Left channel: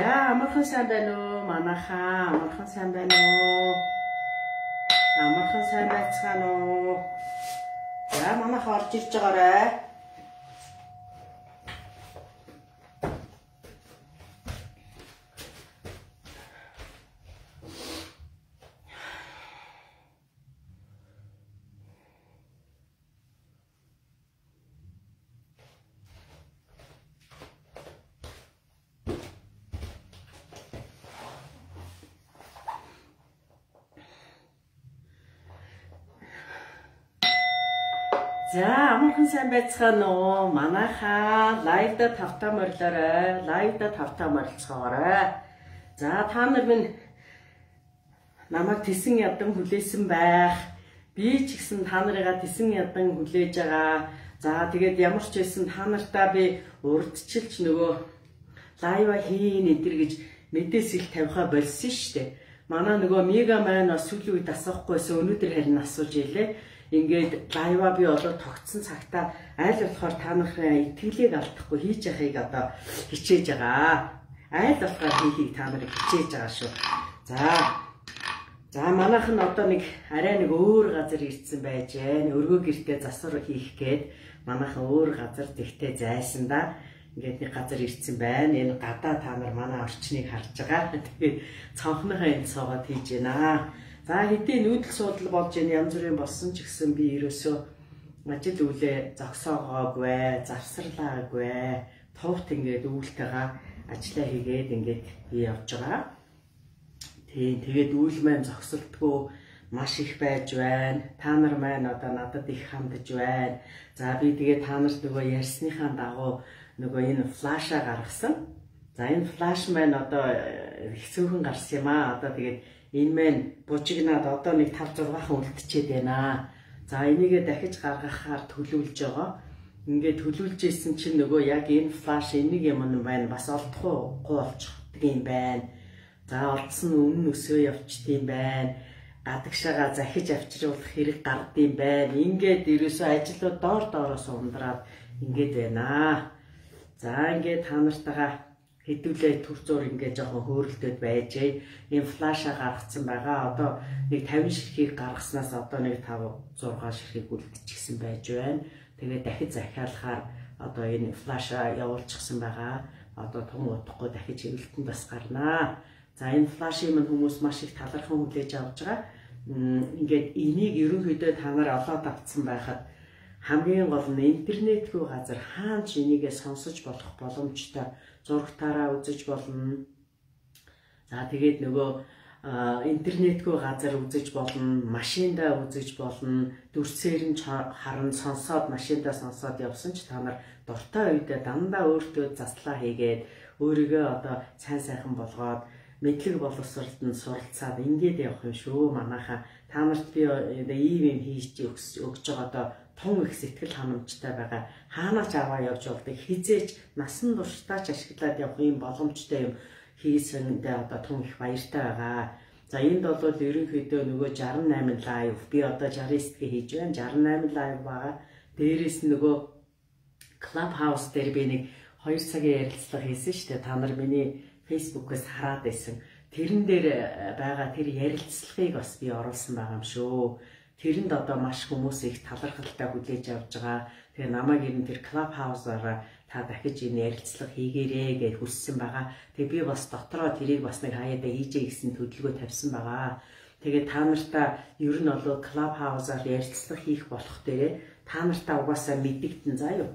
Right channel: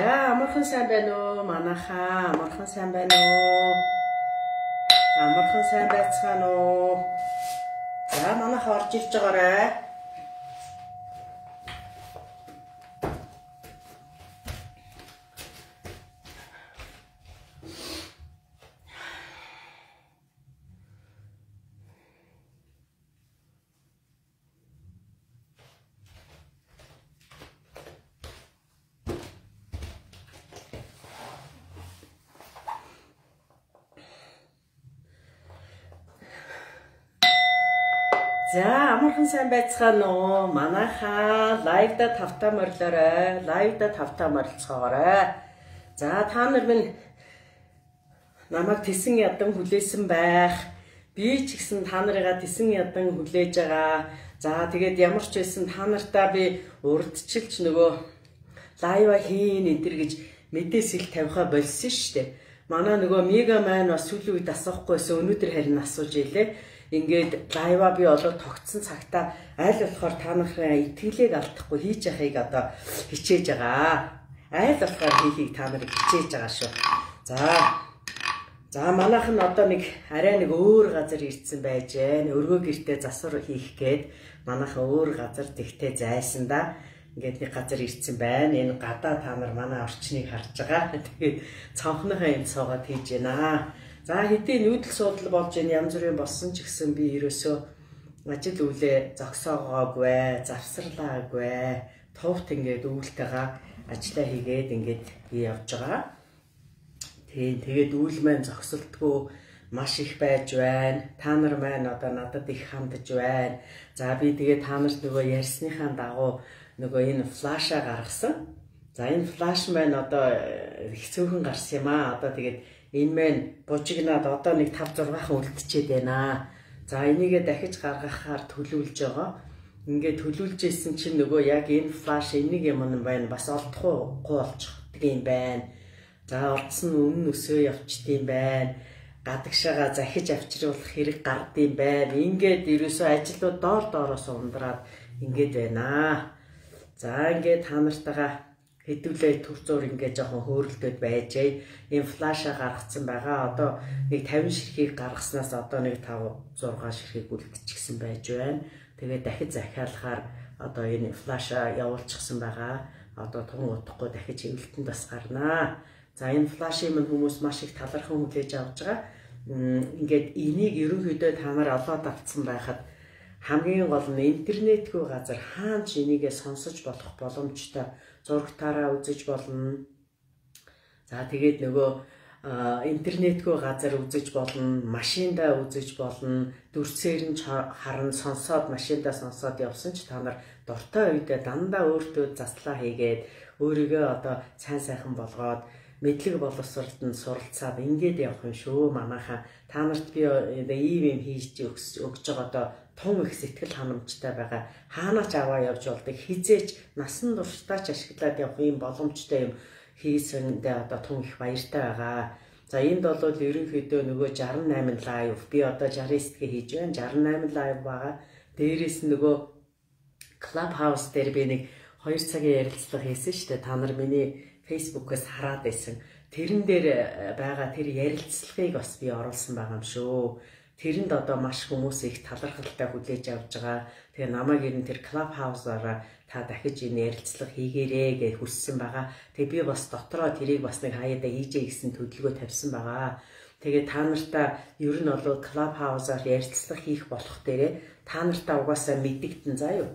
За амархан сайн байна уу? Манайхаа амархан сайн байна уу? Амархан сайн байцгаана уу? За манайхаа орж ирж байгаарай. За амархан сайн байцгаана уу? Манайхаа лайвда тавтаа морилоорой. Лайвда тавтаа морилцоогоорой. За та нар минь намайг тесэн ядан хүлээсэн байх. Би ч гэсэн та нарыгаа тесэн ядан хүлээж байгаа. За тэгээд ямар ч байсан та нартаа би урдчилж нөгөө лайва хийн энэ гэж мэдээс их тавихаа болсон шүү дээ. Манай нөгөө Мега маань бас сүүлийн үед асуухгүйсэн, өнөөдөр харин асууж илээ. Ингээд лайва би олоод тогтсон цагтаа аль болохоор та нарын итгэлийг алдахгүй хийж яхахыг одоо хичээж байгаа. Аль болохоор хийхийг та нарыг хичээж байгаа шүү. За манайх нь одоо нэг арай нэг өөр газар ирсэн байж байна. Өргөө гэртээ засвар хийх гээд манайхан өөр газар тэгтээ зайсан да. Ингээд нэг газар ирсэн байна. Энэ гадаа та нар манай орчныг харж байгаа. Тэгээд цонхныхаа энд суугаад хийж байна. За хэдийн нүүдэл суудал болж янз бүрийн болсон ч гэсэн би ерөөсөө ажил үйлээ зогсоогоогүй, завсарлаагүй, товт ингээд үүлтэйгээ ажиллаа хийгээд ингээд би явж байгаа. Тэгээд үйл маань зогсолтгүй маш их байж байна. Та нар маань одоо надад их хандж байна. За би тэгээд та нарт нөгөө ярьсныхаа дагуу нөгөө энэ флаша гаргасан. За энэ флаш маань одоо их цөөхөн гарсан юм аа. Одоо тэгээд энэ маань бужигнаад одоо нэг 5-6 хан үлдчихэд байна. За энийгээ дахиж гаргахаар төлөвлөж байгаа. Ингээд төлөвлөж исэн чинь нөгөө яг энэ флаш энийг юм байна. Бас олдохгүй болчихдаг юм байна. За олдсон үнэн өсөө явчдсан байна. Гадагшаага захиж авчруулах хэрэг гардыг байна. Ингээд ерөөсөө ажлууд доороос ундраад ингээд байна. За ингээд та нартайгаа хэдүүлээ төр зур ингээд жоохон хөөрөлтөд байжээ. Ийм флаша гаргацсан байгаа. Одоо нэг 50 ширхгийг гаргаснаас одоо нэг 5-6 ширхгийг үлдчихсэн байж байна. Тэгээд дахиж захиалахаар одоо энэ флаша явуулчихсан байгаа. Одоо тун утахгүй дахиж хэвлэлтэнд бас гарнаа. За энэ флашийг мань хүмүүс маш их талархан хүлээж авч байгаа. Ингээд энийг ерөнхийдөө та нар олоод авцсан байхад хамгийн гол нь интернетгүй газар хаана ч энийгээ сонсож болох боломжтой. Зурагтаараа үзэж болно. За тэгээд нөгөө интернетгүй газар үзэж болно, машиндаа үзэж болно. Дүрсээр нь харан сонсоод машиндаа сонсоод явсан ч та нар дуртай үедээ дандаа өөртөө заслаа хийгээд өөрийгөө одоо сайн сайхан болгоод мэдлэг боловсролтод суралцаад ингээд явах юм шүү. Манайхаа та нарт би ийм хийж өгч байгаа одоо тун их сэтгэл ханамжтай байгаа. Хаанаач аваа явж болдог. Хизээч насан туршдаач ашиглаад явах юм боломжтой юм хийсэндээ одоо тун их баяртай байгаа. За энд бол ерөнхийдөө нөгөө 68 лайв. Би одоо 69-гээ хийж байна. 68 лайв байгаа. Дээрээс нь нөгөө Clubhouse дээр би нэг 2 цагийн ярилцлага хийсэн шүү дээ. Та нар миний Facebook-ээс хараад байсан. Тэрэн дээр байгаа тэр ярилцлагыг бас би оруулсан байгаа юм шүү. Тэрэнд одоо маш хүмүүс их талархалтай хүлээж авч байгаа. Тэгээ намайг ер нь тэр Clubhouse-аараа та дахиж энэ ярилцлага хийгээрэй гэж хүссэн байгаа. Тэгээ би бас дотроо тэрийг бас нэг хаяада хийжээ гэсэн төлөвлөгөө тавьсан байгаа. Тэгээ та нартаа ер нь бол Clubhouse-аар ярилцлага хийх болох дээрээ та нартаа угаасаа мэдэгдэн заа юу.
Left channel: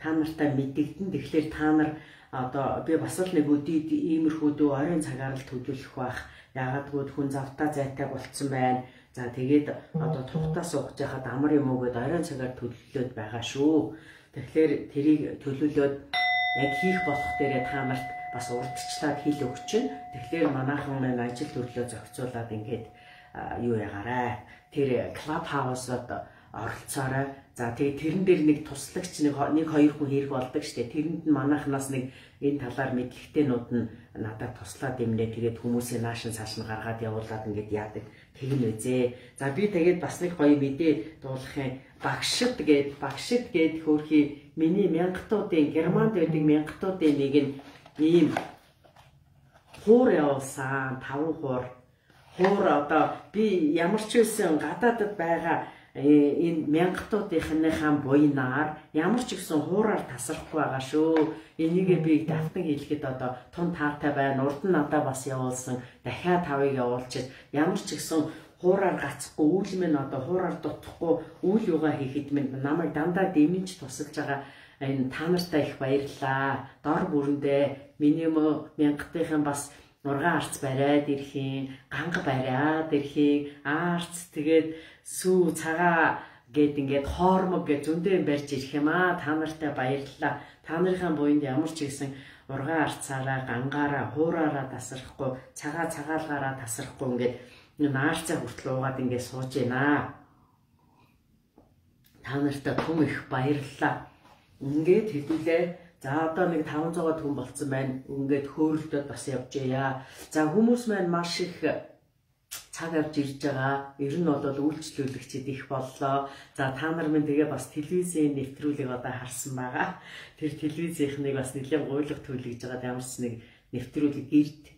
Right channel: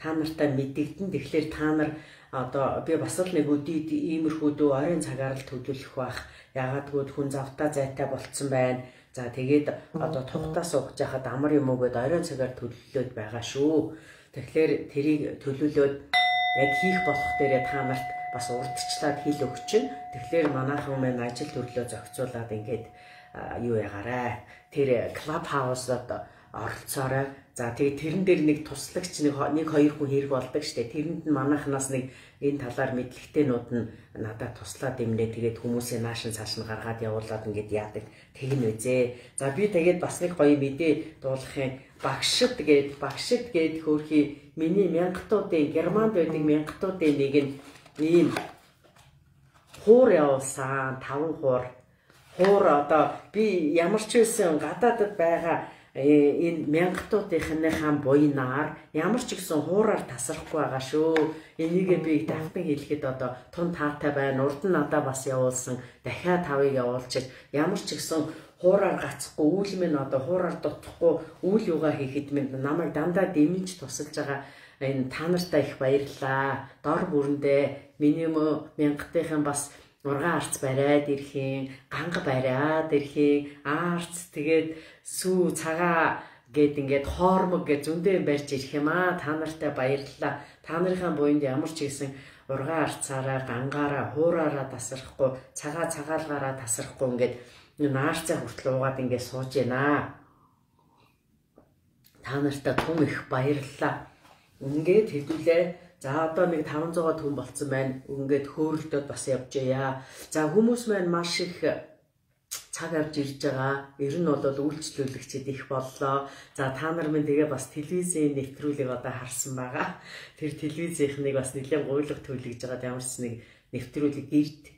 Та нартаа мэдэгдэн. Тэгэхээр та нар одоо би бас л нэг өдийд иймэрхүү дөө ойрын цагаар л төлөвлөх байх. Яагадгүй хүн завтаа зайтай болцсон байна. За тэгээд одоо тухтаа сууж яхад амар юм уу гэд ойрон цагаар төлөвлөд байгаа шүү. Тэгэхээр тэрийг төлөвлөд яг хийх болох дээрээ та нарт бас урдчлаад хэл өгч чинь. Тэгэхээр манайхан маань ажил төрлөө зохицуулаад ингээд юу ягаарай. Тэр Clubhouse-д оролцоорой. За тэгээд тэрэн дээр нэг туслагч нэг 2 хүн хэрэг болдог штэ. Тэрэнд нь манайхнаас нэг энэ талаар мэдлэгтэйнүүд нь надад туслаад имнээ тэгээд хүмүүсээ наашин цааш нь гаргаад явуулаад ингээд яадаг тэгнэ үзээ. За би тэгээд бас нэг гоё мэдээ дуулахын багшид гээд хөөрхий миний мянгатуудын Германд байдаг мянгатуудын нэг нь ийм хуур явуулсан 5 хуур одоо би ямар ч үсэн гадаадд байгаа энэ мянгатуудынхаа буйнаар ямар ч гэсэн хуураар тасрахгүй байгаа шүү. Энийгээ би давтан хэлэхэд одоо тун таатай байна. Урд нь надаа бас явуулсан. Дахиад 5-ыг явуулчих. Ямар ч гэсэн хуураар гацхгүй, үйл минь одоо хуураар дутхгүй үйл юугаа хийхэд минь намайг дандаа дэмжиж тусалж байгаа. Энэ та нартай их баярлалаа. Дор бүрэндээ миний мянгатынхан бас ургаан арц бариад ирэхийн, ганга бариад ирэхийн, арц тэгээд сүү цагаа гэд ингээд хоормог гэж зөндөө барьж ирэх юм аа. Та нартай баярлалаа. Та нарын буйнд ямар ч гэсэн ургаан арцаараа, гангаараа, хуураараа тасрахгүй, цагаалгаараа тасрахгүй ингээд наарцаа хүртэл уугаад ингээд сууж байна. Та нартай түм их баярлалаа. Ингээд хэдүүлээ. За одоо нэг 500 хүн болцсон байна. Ингээд хөөрөлдөөд бас явж яа. За хүмүүс маань маш их цаг авч ирж байгаа. Ер нь бол үйлчлүүлэгчид их боллоо. За та нар минь тэгээ бас телевизийн нэвтрүүлгийг одоо харсан байгаа. Тэр телевизийнхнийг бас нэлээд гуйлга төлөж байгаа ямар ч нэг нэвтрүүлэг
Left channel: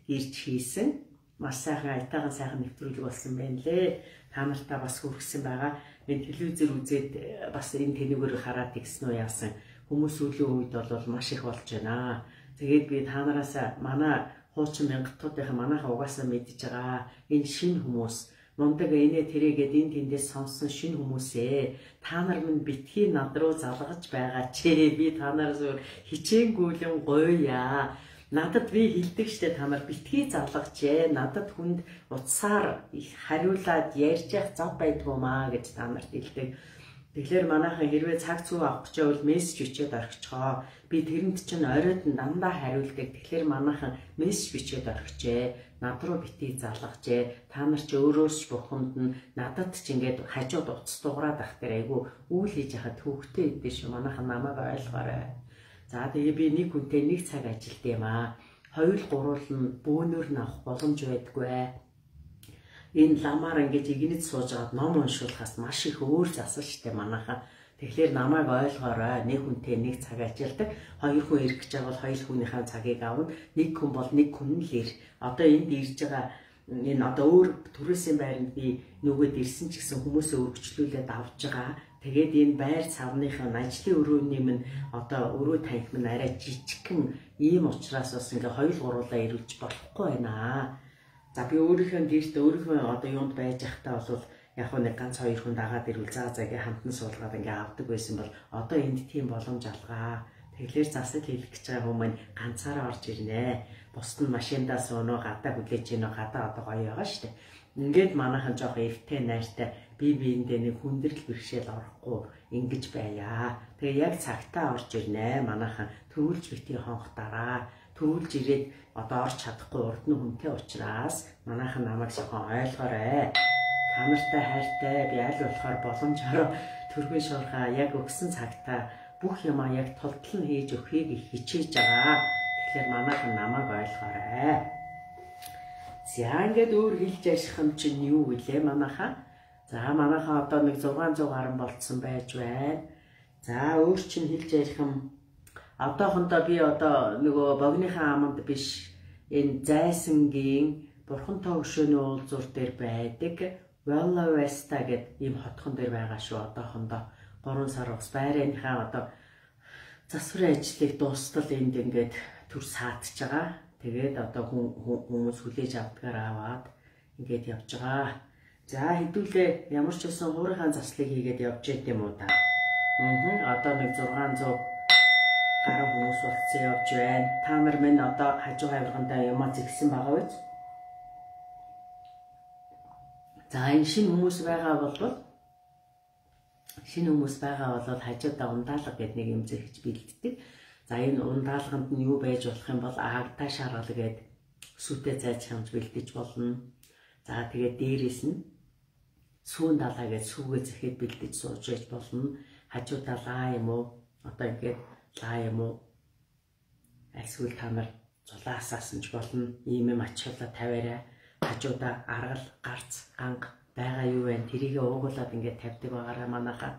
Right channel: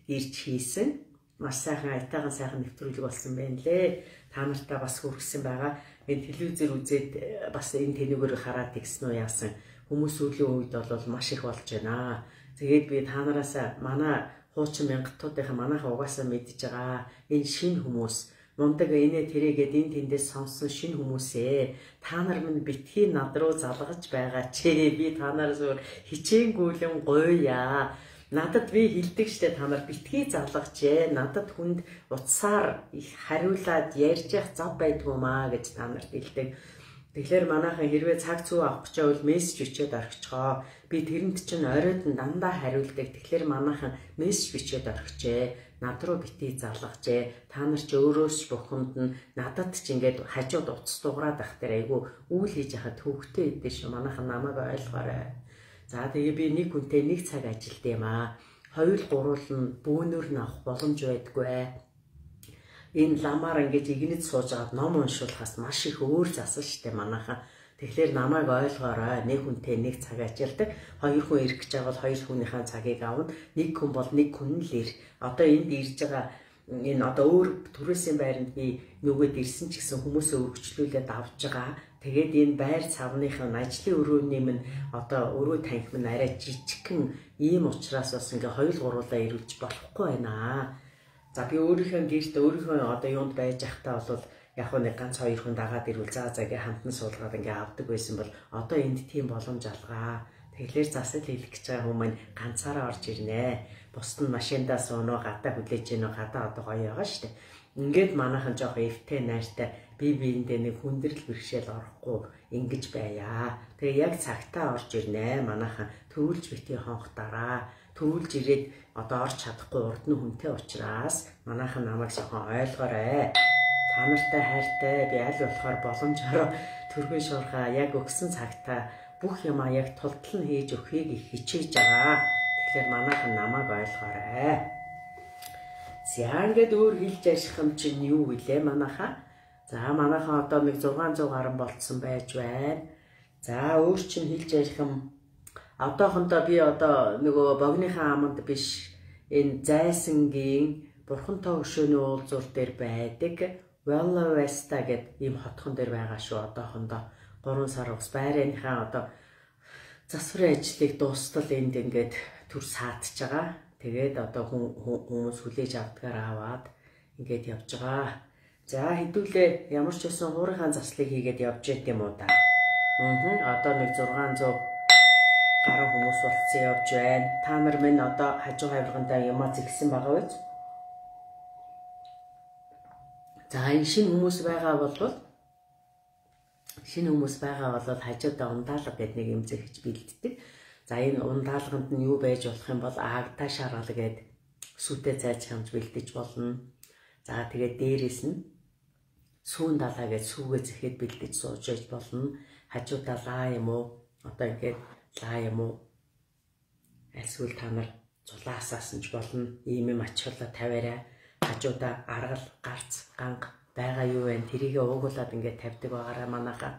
ирж хийсэн. Маш сайхан айтайхан сайхан нэвтрүүлэг болсон байна лээ. Та нартай бас хүргэсэн байгаа. Энэ телевизээр үзээд бас энэ тэнүүгээр хараад игсэн үү яасан. Хүмүүс сүүлийн үед бол маш их болж байна. Тэгээд би та нараас манай хуучин мянгатуудынхаа манайхаа угаасаа мэдж байгаа. Энэ шинэ хүмүүс мундаг инээ тэрэгээд энэ тэндээс сонсон шинэ хүмүүсээ та нар минь битгий над руу залгаж байгаа ч би та нараас хичээнгүйлэн гуйя. Надад би хэлдэг штэ та нар битгий залгажээ. Надад хүнд утсаар их хариулаад ярьж явах зав байдгуумаа гэж та нарт хэлдэг. Тэгэхээр манайхан хэрвээ цаг цүү авах гэж байвал мессеж бичээд орхичгоо. Би тэрэнд чинь оройд нь дандаа хариулдаг. Тэгэхээр манайхан мессеж бичээд орхичээ. Над руу битгий залгажээ. Та нар ч өөрөөс бухимд нь надад ч ингээд хажууд утас дуграад ах тэр айгу үйл хийж яхад төвхтэй идэв шүү. Манайхан намайг ойлгоорой. За тэгээ би нэг хүнтэй нэг цаг ажилд юм аа. 2-3 нь бөөнөр нь авах боломж байдгүй. Энэ ламаар ингэж игнэд сууж аваад ном уншуулахаас маш их өөр засал штэ манайхаа. Тэгэхээр намайг ойлгоорой. Нэг хүнтэй нэг цаг ажилдаг. 2 хүн ирэх гэж байгаа бол 2 хүнийхээ цагийг авна. Нэг хүн бол нэг хүн л ир. Одоо энд ирж байгаа энэ одоо өөр төрөөсийн байранд би нөгөөд ирсэн ч гэсэн хүмүүсээ өргөжлүүлээд авч байгаа. Тэгээд энэ байр цавныхын ажлын өрөөний минь одоо өрөө танхим нь арай жижигхэн ийм учраас бас ингээ 2-3-аа ирүүлж болохгүй байна. За би өөрийнхөө гэрт өөрийнхөө одоо юунд байж захтаа бол яг нэг ганц 2 хүн дагаад ирвэл заа ингээ хамтан суулгаад ингээ авдаг байсан бол одоо энд тийм боломж алгаа. Тэгэхээр засал хийх гэж байгаа хүмүүс ганцаараа орж ирнэ. Бусд нь машиндаа сууноо гадаа хүлээж гинөө гадаа одоо гоё байгаа штэ. Ингээд манайхан жоох эвтэй найртай би биендээ нэг хүндрэл бэрхшээл орохгүй ингэж байя. Тэгээ яг цагтаа орж ирнэ. Манайхан төвлж битгий хонхтараа. Төвлж ирээд одоо орж чадахгүй урд нь хүнтэй учраас манайхан намайг жоохон ойлгоорой. Та нартай хайртай би аль болохоор боломжоор төргөн шуурхаа яг өгсөн цагтаа бүх юмаа яг тултал нь хийж өгөхийг их хичээж байгаа. Тэгэхээр манайхан намайг ойлгоорой. За ингээд өөр хэлж ярих юм чинь юу вүлээ манайхаа? За манайхаа одоо нэг 600 гаруй болцсон байж байна. За өөр чинь хэлж ярих юм одоохондоо би одоо нөгөө богиныхаа аманд биш энэ зайсангийн бурхантай өшөөний уулзуур дээр байдаг Vella Vesta гэдэг ийм хотхон дээр байгаа шүү. Одоохондоо 3 сар ус байрныхаа одоо засварын ажлыг дуустал энд ингээд төр саадж байгаа. Тэгээд одоо хүмүүс хүлээж авдгаар аваад ингээд явж байгаа. За хэдүүлээ ямар ч байсан хуурийнхаа заслыг хийгээд явж яд юм уу та. Одоо нэг 600 гаруй хүмүүс болцсон явж байна. Та нар минь одоо хажуу хавиргандаа ямаа зэгсэн байгаа биз? За энэ шинэ хүмүүс байгаа бол хажуудаа ундаалга гэдэг нэг юм зэгж бэлддэг. За энэ ундаалганд нь юу байж болох юм бол агдаа шаргал гэдэг сүтэ зайч хамж бэлдэж болно. За тэгээд дээрээс нь сүүн далаа гэж сүүгээ зэхэд бэлдэж сууж байж болно. Хажуудаа лаа юм уу? Одоо ингээд лаа юм уу? Альсгүй та нар зулаасаасан ч болно. Ийм юм ачаалаа тавиарай. Хажуудаа аргал, гарц, ганг байгаа юу вэ? Тэрийгээ уугуулад ингээд тавьдаг байгаараа манайхаа.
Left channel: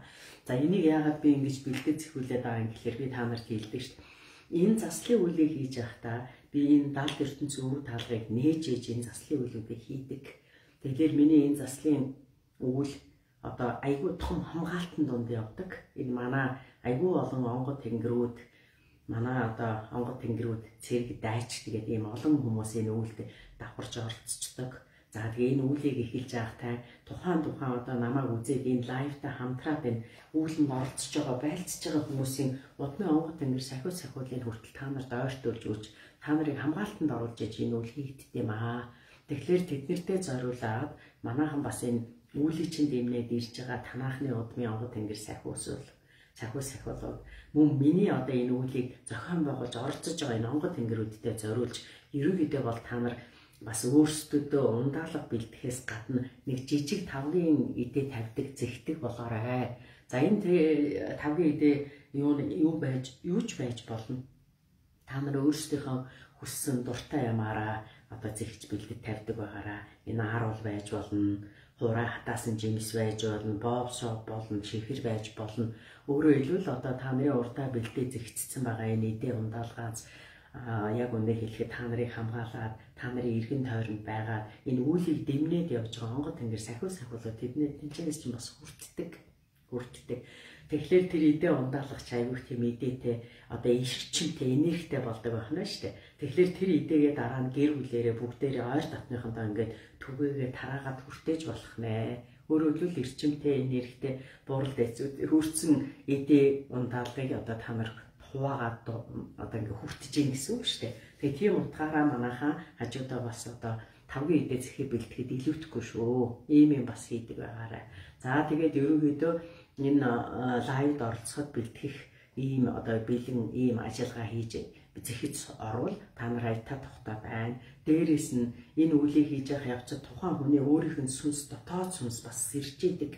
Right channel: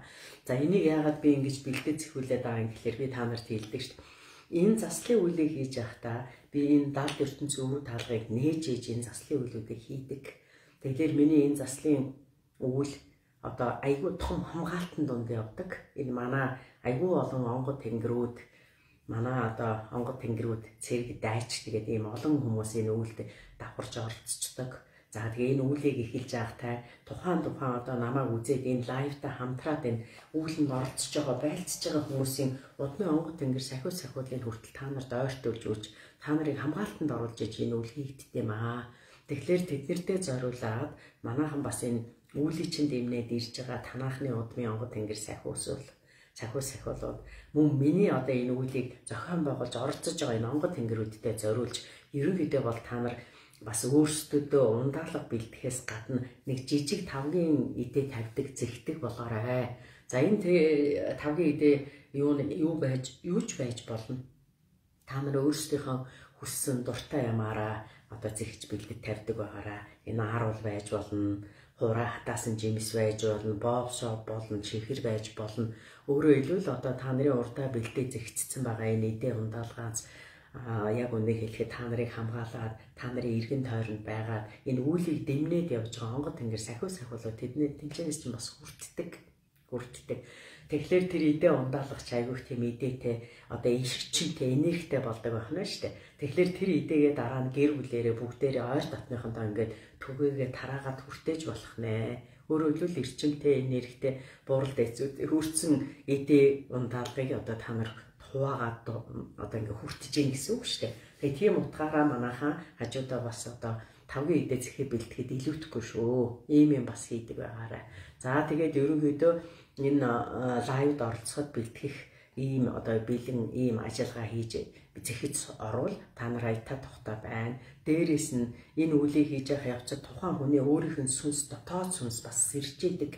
За энийг яагаад би ингэж бэлдэж зэхүүлээд байгаа юм гэхээр би та нарт хэлдэг шүү дээ. энэ заслын үйлийг хийж байхдаа би энэ далд ертөнцийн өв таалгыг нээж ээж энэ заслын үйлүүдийг хийдэг. Тэгэхээр миний энэ заслын үйл одоо айгүй том хамгаалтан донд явдаг. Энэ манай айгүй олон онгод тэнгэрүүд манай одоо онгод тэнгэрүүд цэрэг дайч тэгээд ийм олон хүмүүс энэ үйлд давхарж оролцдог. За тэгээ энэ үүлийг эхэлж байгатай тухайн одоо намайг үзээд энэ лайвтай хамтраад энэ үүлэнд оролцож байгаа байлцж байгаа хүмүүсийн удмын онгод тэнгэр сахиулын хүртэл та нарт ойртуулж өгч та нарыг хамгаалтанд оруулж иж энэ үйл хийгддэг юм аа. Тэгэхээр тэднэртэй зориулаад манайхан бас энэ үүлийг чинь дэмнээд ирж байгаа танаахны удмын онгод тэнгэр сахиулууд мөн миний одоо энэ үүлийг зохион байгуулж оролцож байгаа энэ онгод тэнгэрүүдтэй зориулж ерөнхийдөө бол та нар бас өөрсдөө ундаалга бэлтгэхээс гадна нэг жижиг тавгийн идэ тавьдаг зэгдэг болгоорой. За энэ тавгийн идэ юуж байж болно. Та нар өөрсдийнхөө хүссэн дуртай ямаараа одоо зэгч бэлдэж тавьдаг байгаараа. Энэ харуул байж болно, хураа хатаасан жимс байж болно, боб шоп болно, чихэр байж болно. Өөрөөр хэлбэл одоо та нарын урдаа бэлдээ зэгцсэн байгаа энэ идэ ундаалгаас яг үнэ хэлэхэд та нарыг хамгаалаад та нарын эргэн тойронд байгаад энэ үүлийг дэмнээд явж байгаа онгод тэнгэр сахиулууд тэдний тэнцэнээс чинь бас хүртдэг. Тэгэхээр тэр идэ ундаалгач айгүйх тийм идэтэй одоо ишгчэнтэй энергитэй болдог байна шүү дээ. Тэгэхээр тэр идээгээ дараа нь гэр бүлээрээ бүгдээрээ ойр дотныхондоо ингээд түгээгээ тараагаад хүртээж болох нэ. Өөрөөр хэлбэл эрчимтэй энергитэй бурал дэцүүд хүрсэн идэ ундаалгыг одоо та нар хуваагаад одоо ингээ хүртэж ийн гэсэн үг шүү дээ. Тэгээ тийм утгаараа манайхаа хажуудаа бас одоо тавгийн идэ зэхээ бэлтгэхэд илүүтэхгүй шүү. Ийм бас хийдэг байгаарай. За тэгээд ерөнхийдөө энэ лайвд оролцоход бэлтгэх ийм одоо бэлэн ийм ажиллагаа хийж зэхэд орвол та нар аятаа тухтай байна. Дээрээс нь энэ үлийг хийж явах явцад тухайн хүний өөрийнх нь сүнс дотоод сүнс бас сэрж идэг.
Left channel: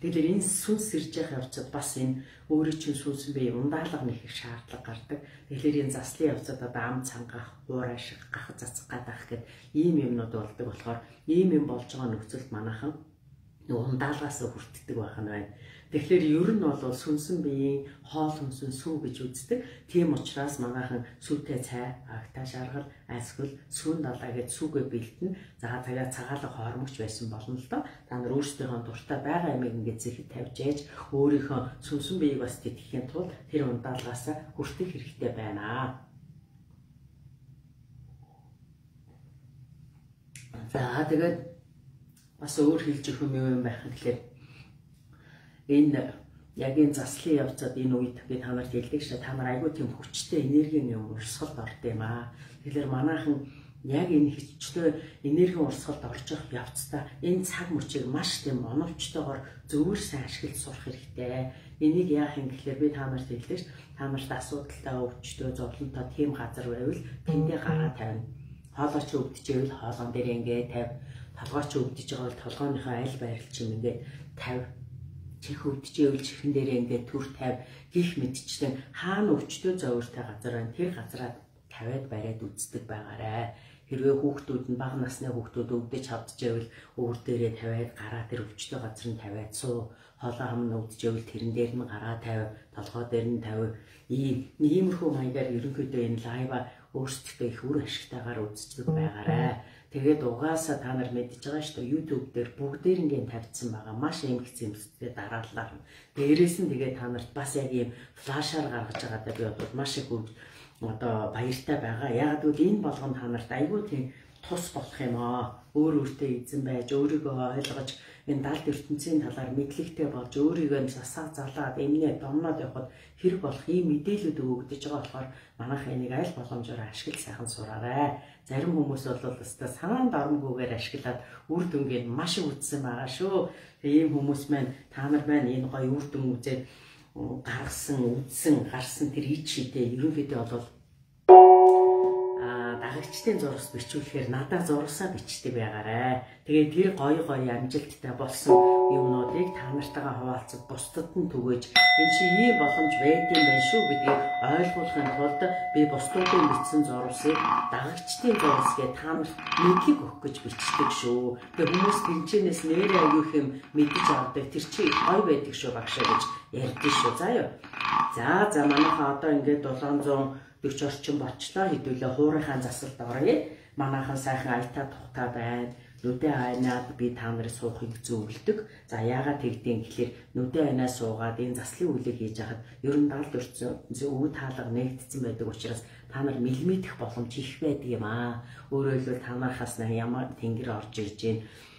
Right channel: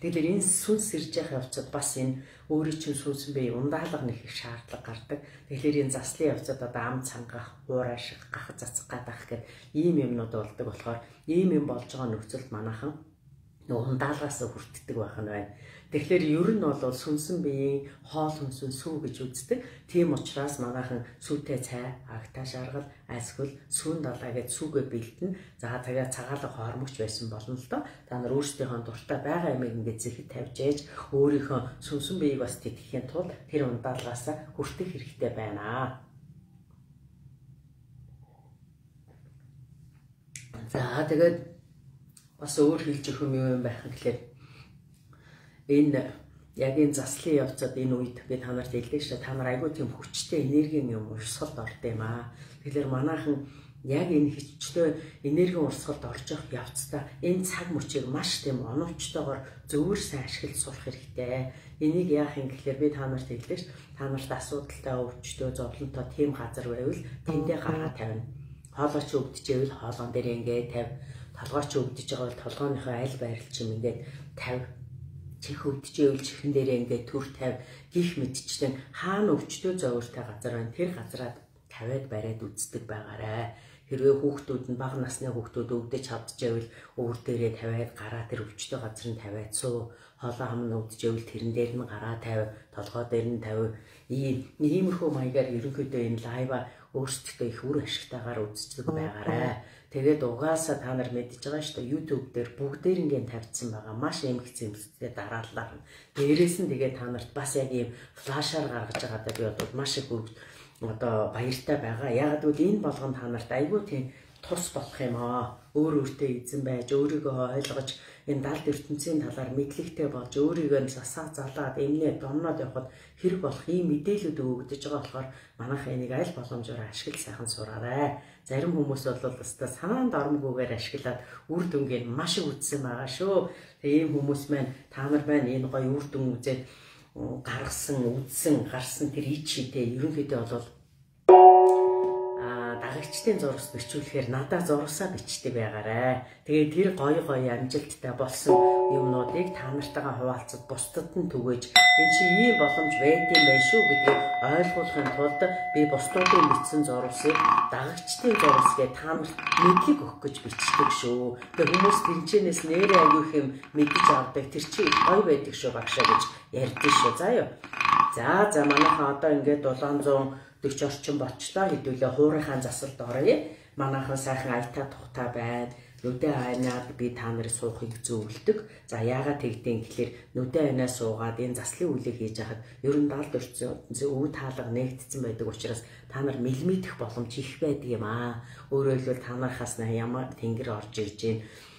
Тэгэхээр энэ сүнс сэрж явах явцад бас энэ өөрийн чинь сүнсэн бие ундаалга нэг их шаардлага гардаг. Тэгэхээр энэ заслын явцад одоо ам цангах, хуур ашиг, гах цацах гадах гэд ийм юмнууд болдог болохоор ийм юм болж байгаа нөхцөлд манайхан ундаалгаас хүртдэг байх нь байна. Тэгэхээр ер нь бол сүнсэн биеийн хоол хүнсэн сүү гэж үздэг. Тийм учраас манайхан сүүтэй цай, агтаа шаргал, айсгал, сүүн далаа гэж сүүгээ бэлтэн. За тэгээ цагаалга хоормогч байсан болно л доо. Та нар өөрсдийнхөө дуртай байгаа юмыг ингээд зэхэд тавьж ээж өөрийнхөө сүнсэн биеийг бас тэтгэхийн тулд тэр ундаалгаас хүртэх хэрэгтэй байна. За тэгээд бас өөр хэлж өгөх юм байх гэхлээр энэ яг энэ заслын явцад энэ үед би та нарт хэлдэг шүү. Та нар айгүй тийм хүчтэй энергийн юм урсгалд орд юм аа. Тэгэхээр манайхан яг энэ хүчтэй энергийн урсгалд орж явах явцдаа энэ цаг мөчийг маш тийм оновчтойгоор зөвөр сайн ашиглаж сурах хэрэгтэй. Энийг яах юм гэхлээр би та нарт хэлдэг ш. Та нарт асуудалтай өвчтөө зовлонтой тийм газар байвал тэндээ гараа тавина. Хоолойч өвдөж ивэл хоолоон дээр ингээд тавь. Толгойч өвдөж байгаа бол толгойнхоо аль байрал чим ингээд тавь. Чих өвдөж ивэл чихэн дээрээ ингээд төр тавь. Гих мэдчихдээ хаана өвчтөө зовёртой газар байна. Тэр газараа тавиад бариад үздэг байгаарай. Хэрвээ хүүхдүүд нь бага насны хүүхдүүд өвдөж чадж байвал өвөр дээрээ тавиад гараа тэр өвчтөө газар нь тавиад суу. Хоолоо хам нь өвдөж байвал тэрэн дээр нь гараа тавь. Толгой дээр нь тавь. Иймэрхүү маягаар ерөнхийдөө энэ лайва өөрсдөө их үр ашигтайгаар үздэг байгаарай. Тэгээд угаасаа та нар мэдж байгаа шүү дээ. YouTube дээр бүгдээрингийн тавьсан байгаа. Маш эмх зэмстэй дараалал. Дээрээс нь тэгээд та нарт бас яг ийм флашаар гаргаж байгаадаа би бол маш их одоо баяртай байгаа. Яг гэвэл энэ болгон та нарт айгүй тийм тус болох юм аа. Өөртөө эзэн байж, өөрийгөө ойлгож, энэ далд ертөнцийн талаар мэдлэгтэй болж, өөрийгөө засаа залаад, эмнээ домноод явхад хэрэг болох ийм мэдээлүүд өгөгдөж байгаа болохоор манайх энийг аль боломжоор ашиглаж сайхан сураарай. Зарим хүмүүс бол өстой санаанд оромгүйгээр ашиглаад үр дүнгийн маш их үзсэн байгаа шүү. Тэгээ ийм хүмүүс маань та нар байна энэ гоё үр дүн үзээд гарсан тэр ич шидэ ерөнхийдөө бол дагагчдын зурагт бичүүлэхээр надад зурсаа бичдэг байгаарай. Тэгээд тэр гоё амжилттай болсон юмнуудыг та нартайгаа хуваалцаж бусдад нь түгээж энэ чи ийм боломж байдсан байх шүү гэдгийг ойлгуулахын тулд би бусдуудын бичсэн зурсыг дагагчдын зурсгээ та нарт мэдлэг өгөх гэж бичдэг шүү. Тэгээд хүмүүс тэнцэнээс нэрээ аягүй юм мэдэж авдаг тэр чи гоё байдаг шүү багшаа гэж ярьдэн шүү. За юу. За манайхаа одоо ингээд 700 40 орчим бочлоо хэдүүлээ хуурынхаа засалд оръё. Манайхан сайхан аятаа тухтай байна. Нүдэ айнаад би та нарыг суухыг зөвлөдөг. За яагаад тэгдэм гэхэлэр нүдэ айнаа суугаад энэ заслын үйлийг хийж хахад ер нь 70 орчим өв таалга нэгдсэн байдаг учраас та нар мэлмидэх боломж их байдаг юм аа. Өөрөөр хэлбэл та нархаас ямар тэнгэр орж ирж гин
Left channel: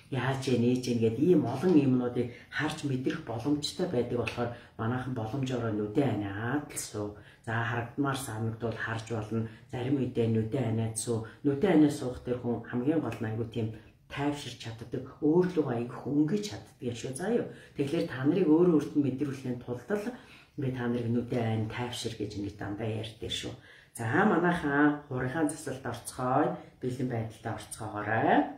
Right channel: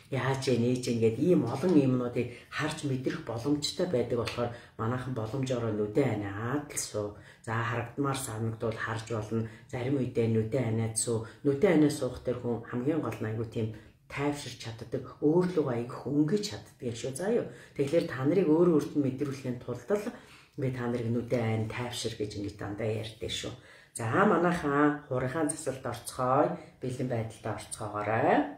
яаж нээж ингээд ийм олон юмнуудыг харж мэдрэх боломжтой байдаг болохоор манайхан боломжоор нүдэ айнаад л суу. За харагдмаар санагдвал харж болно. Зарим үедээ нүдэ айнаад суу. Нүдэ айнаа суух тэр хүн хамгийн гол нь айгу тийм тайвширч чаддаг, өөрлөгөө айгу хөнгөж чаддаг шүү заа юу. Тэгэхээр та нарыг өөрөөрт нь мэдрүүлэхийн тулд л би та нарыг нүдэ айн тайвшир гэж ингэж дандаа ярьдээ шүү. За манайхан хуурынхаа засалд орцгоё. Бэлэн байдалд орцгоогоорой.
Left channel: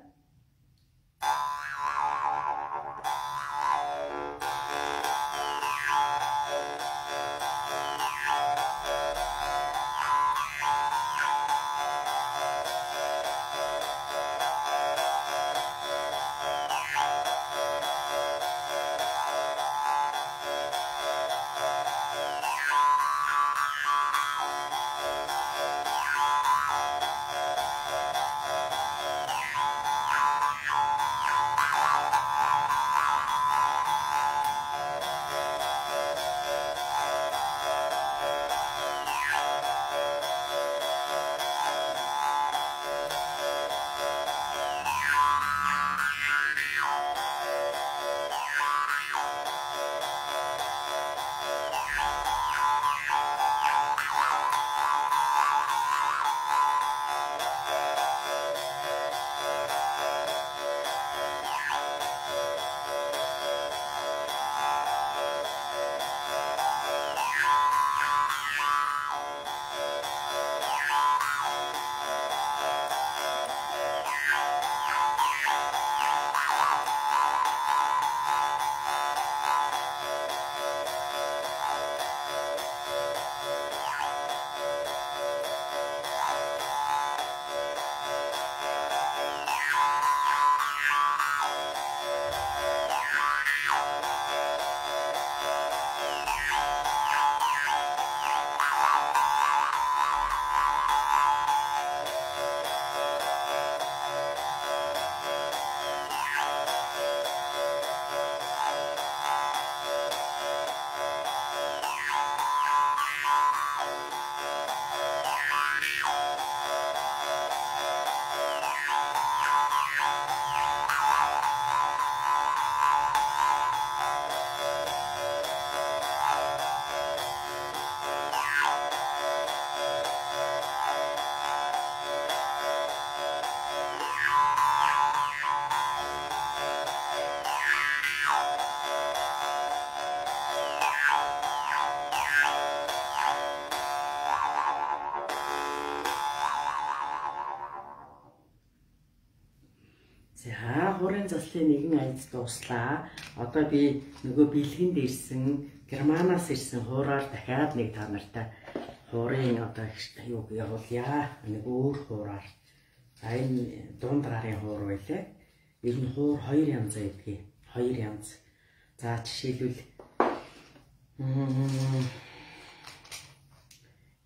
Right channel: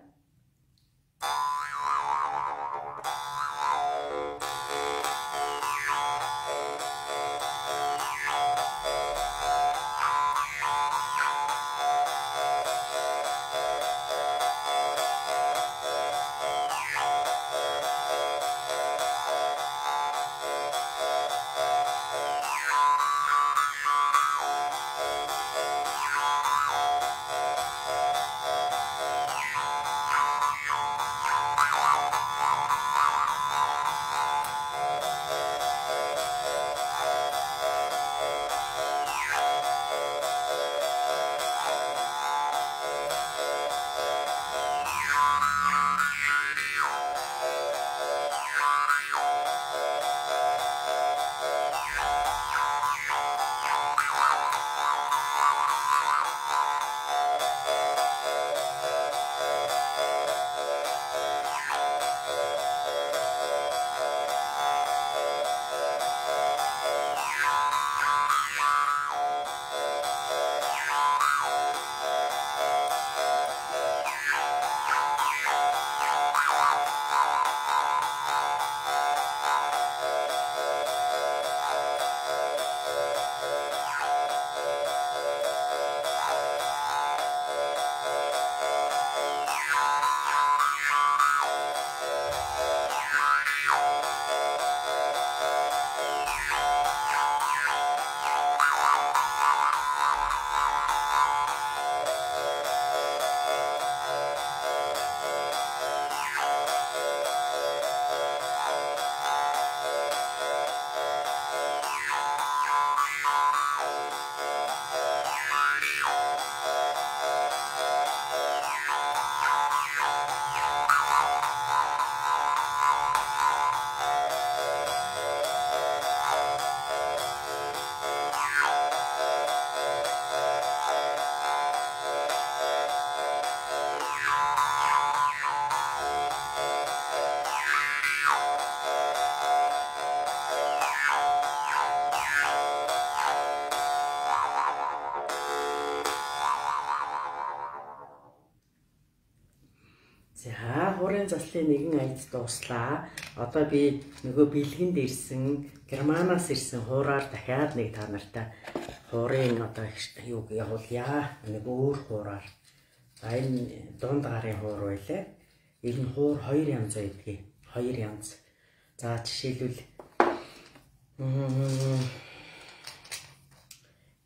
За хуурын заслын нэгэн аяз дууслаа. Одоо би нөгөө бэлгэнд ирсэн, Германаас ирсэн хуураар дахиад нэг та нартай хуурын одоо юуг явуулъя. Нэг өөр хуураар. За энэ дунд гарын хуур байлаа. Ер нь хуур 2 янз байдгийг. 2 янз. За жишээлбэл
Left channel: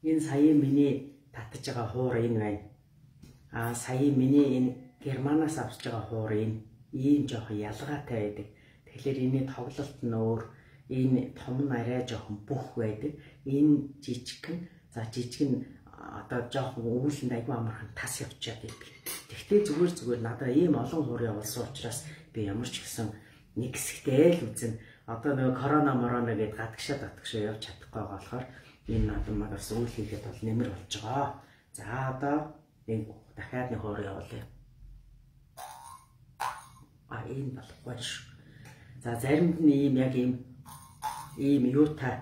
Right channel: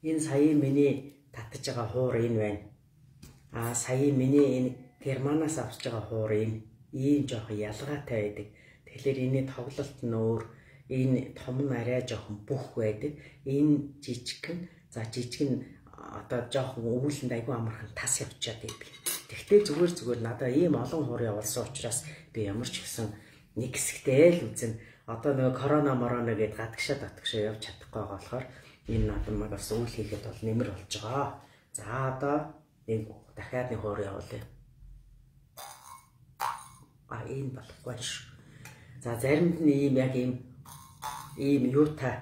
энэ сая миний татж байгаа хуур энэ байна. Сая миний энэ Германаас авч байгаа хуур энэ ийм жоохон ялгаатай байдаг. Тэгэхээр энэ тоглолт нь өөр, энэ том нь арай жоохон бүх байдаг. Энэ жижигхэн, за жижиг нь одоо жоохон өвүүлэнд айгүй амархан тас явчаад байдаг. Тэгвэл зүгээр надад ийм олон хуур явуулсан учраас би ямар ч гэсэн нэг хэсэгтэй л үзэн. Одоо нөгөө корона мороно гэдээ гадагшаа явж чадахгүй байгаа болохоор энэ надад магаас үйл хийхэд бол нэмэр болж байгаа. За одоо нэг дахиад нэг хуур явуулъя. Энэ болохгүй шүү. За заримд нь ийм яг ийм юутай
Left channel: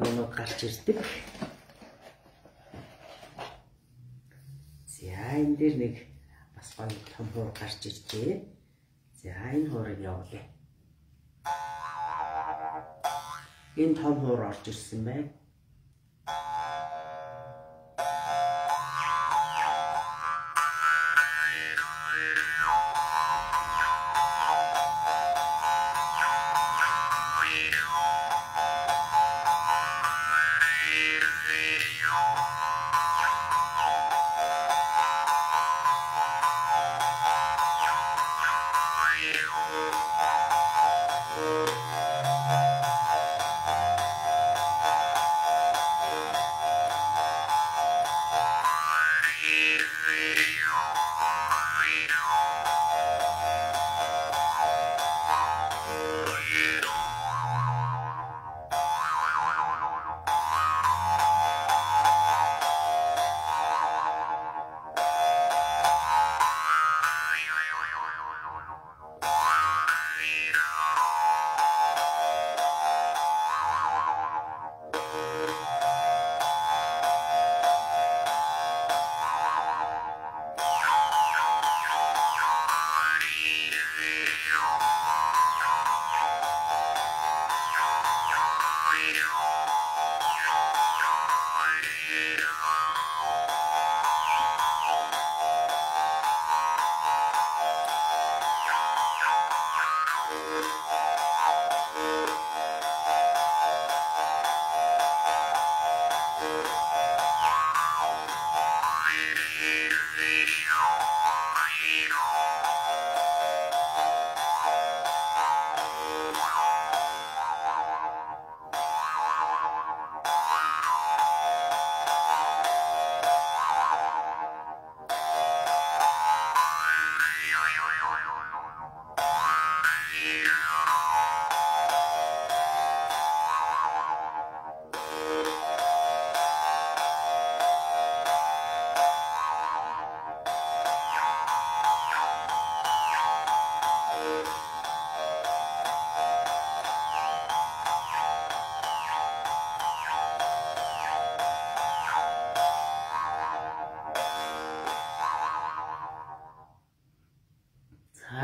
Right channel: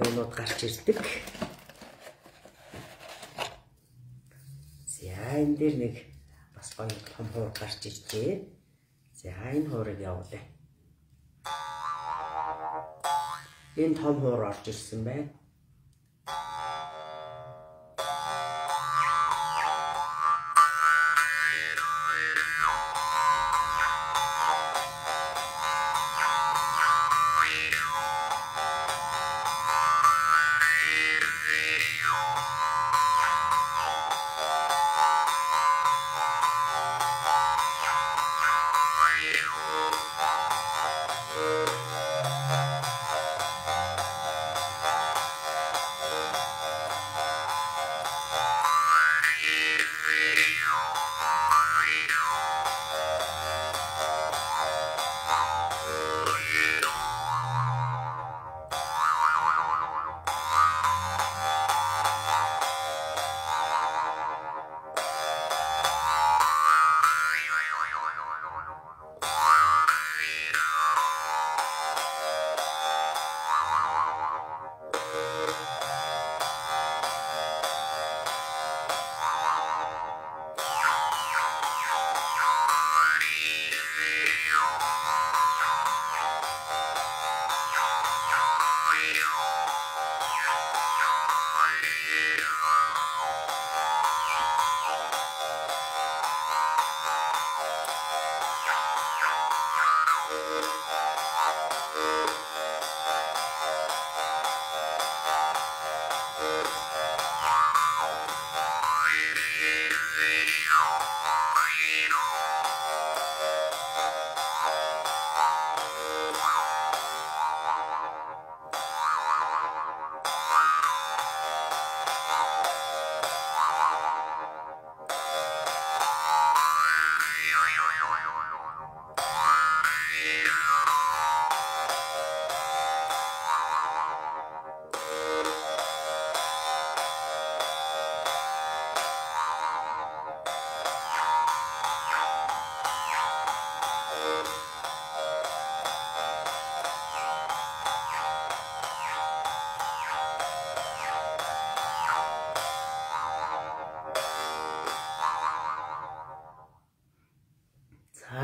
юунууд гарч ирдэг. За энэ дээр нэг бас гоё том хуур гарч иржээ. За энэ хуурыг явуулъя. Энэ том хуур орж ирсэн байна.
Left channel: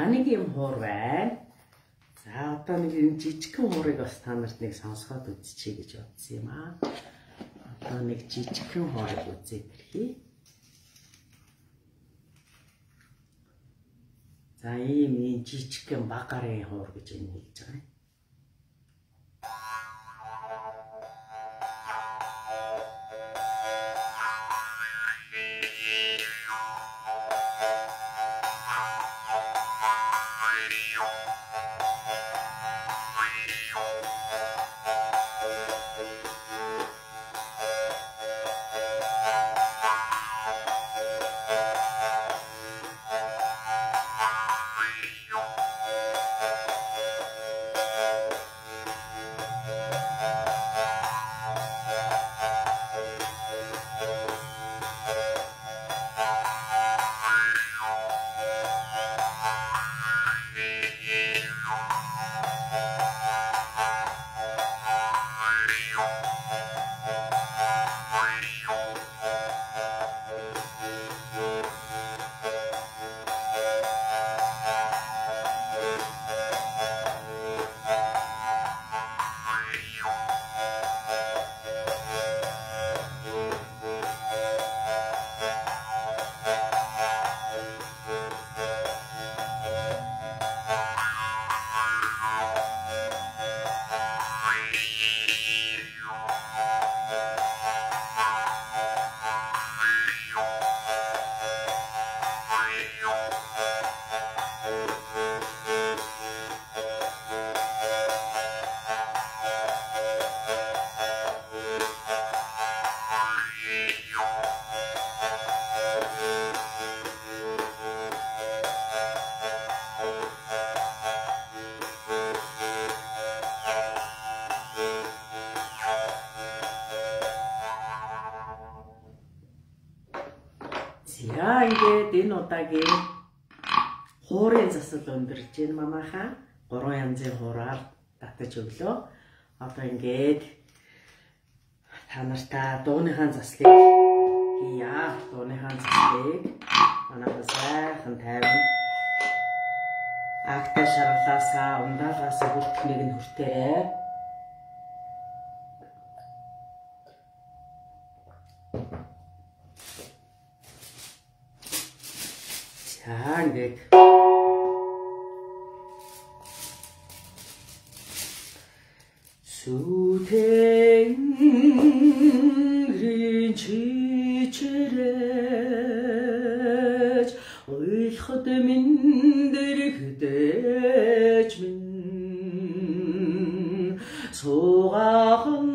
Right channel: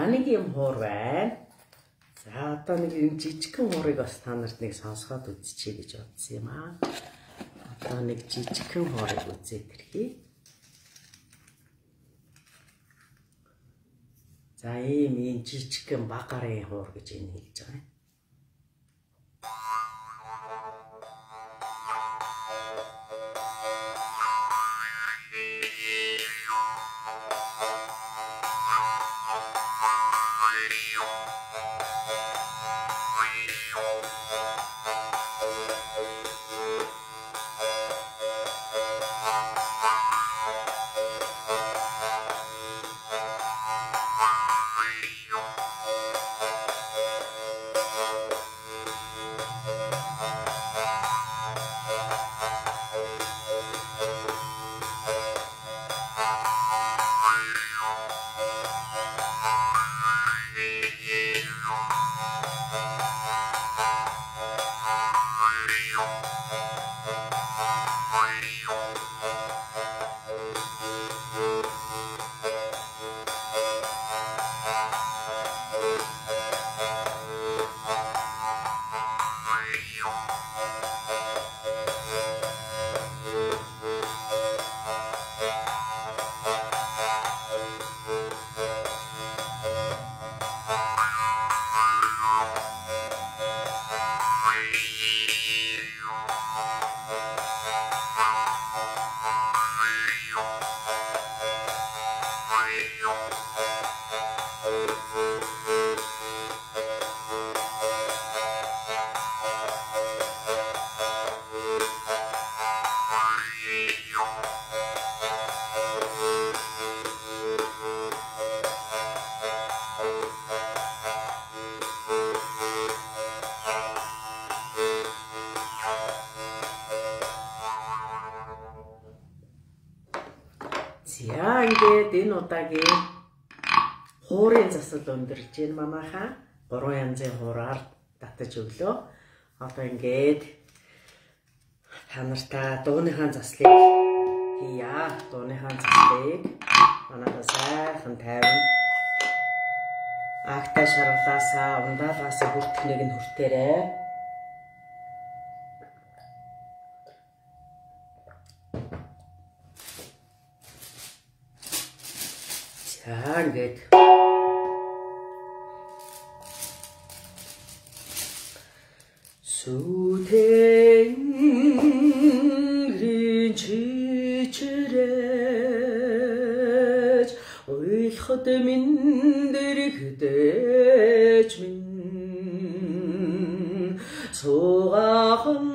Нэг юм хуур байна. За одоо нэг юм жижигхэн хуурыг бас та нарт нэг сонсгоод үзчихье гэж бодсон юм аа. Одоо нэг жижигхэн хуурыг үзээд ирхий. За ийм жижигхэн баг гарын хуур гэж энэ хэлж байгаа юм. За ингээд энэ удаагийн хуурын засал өндөрж байна манайхаа. 3 янзын хуураар татаж өглөө. Одоо ингээд та нартаа дууныхаа заслыг хийя. Дууныхаа заслыг манайхаа сайхан тайван агтай шаргалаасаа ундаалгаас хүртхнийг нь хүртээрээ. За ингээд Сүтэнгэрийн чичрэж ойлход минь дэрэгдэж минь суугахан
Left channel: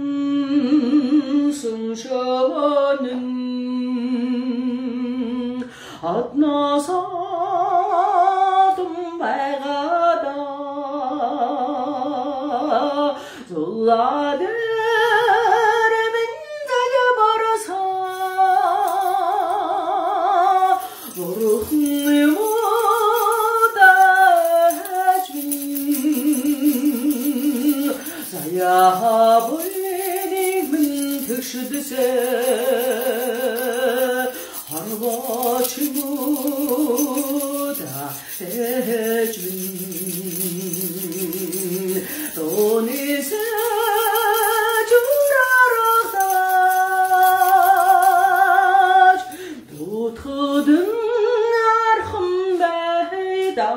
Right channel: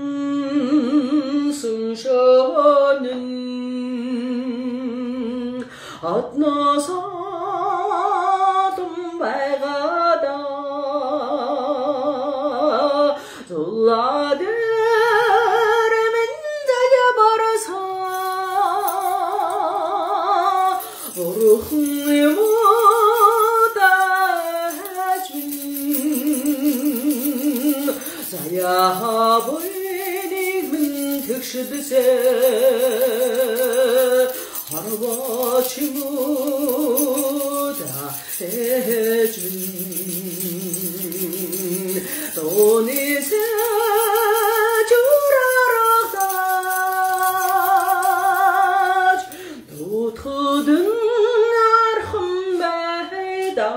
сүншөнэн аднасаа думбайгада зулладэр минь зая бараса бурхан юмудаж минь зая хабыны минь тэгшдэсэ Harvachimуда sejmin Donise juraragdaj Tutudun arkhım beyda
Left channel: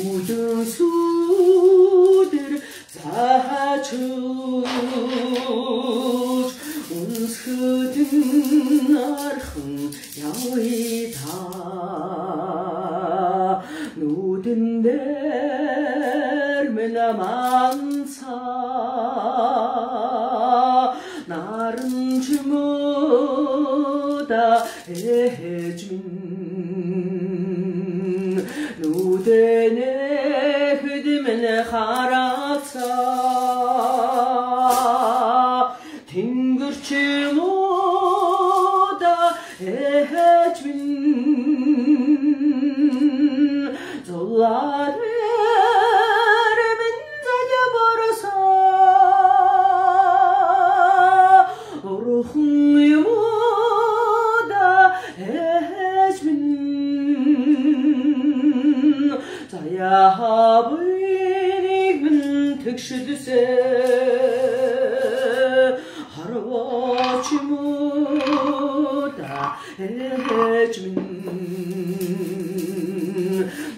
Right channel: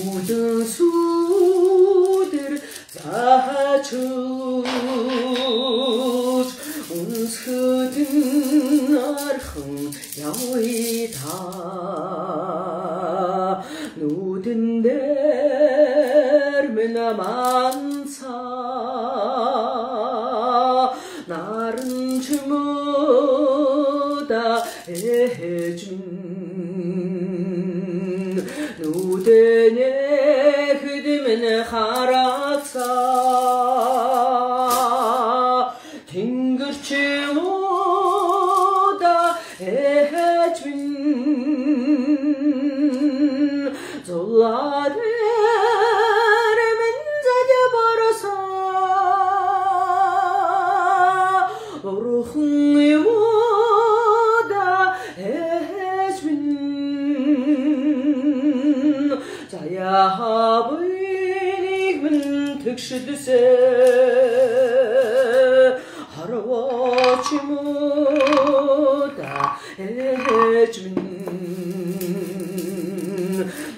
Udun sudur zahachus үнсгдэн архан явъя нүдэн дээр минь аманцаа наран чимөөда ээж минь нүдэнэхэд минь харацаа тэнгэр чимөөда ээж минь зулаад Яабыг минь тэгшэлсэ харваач мөда ээж минь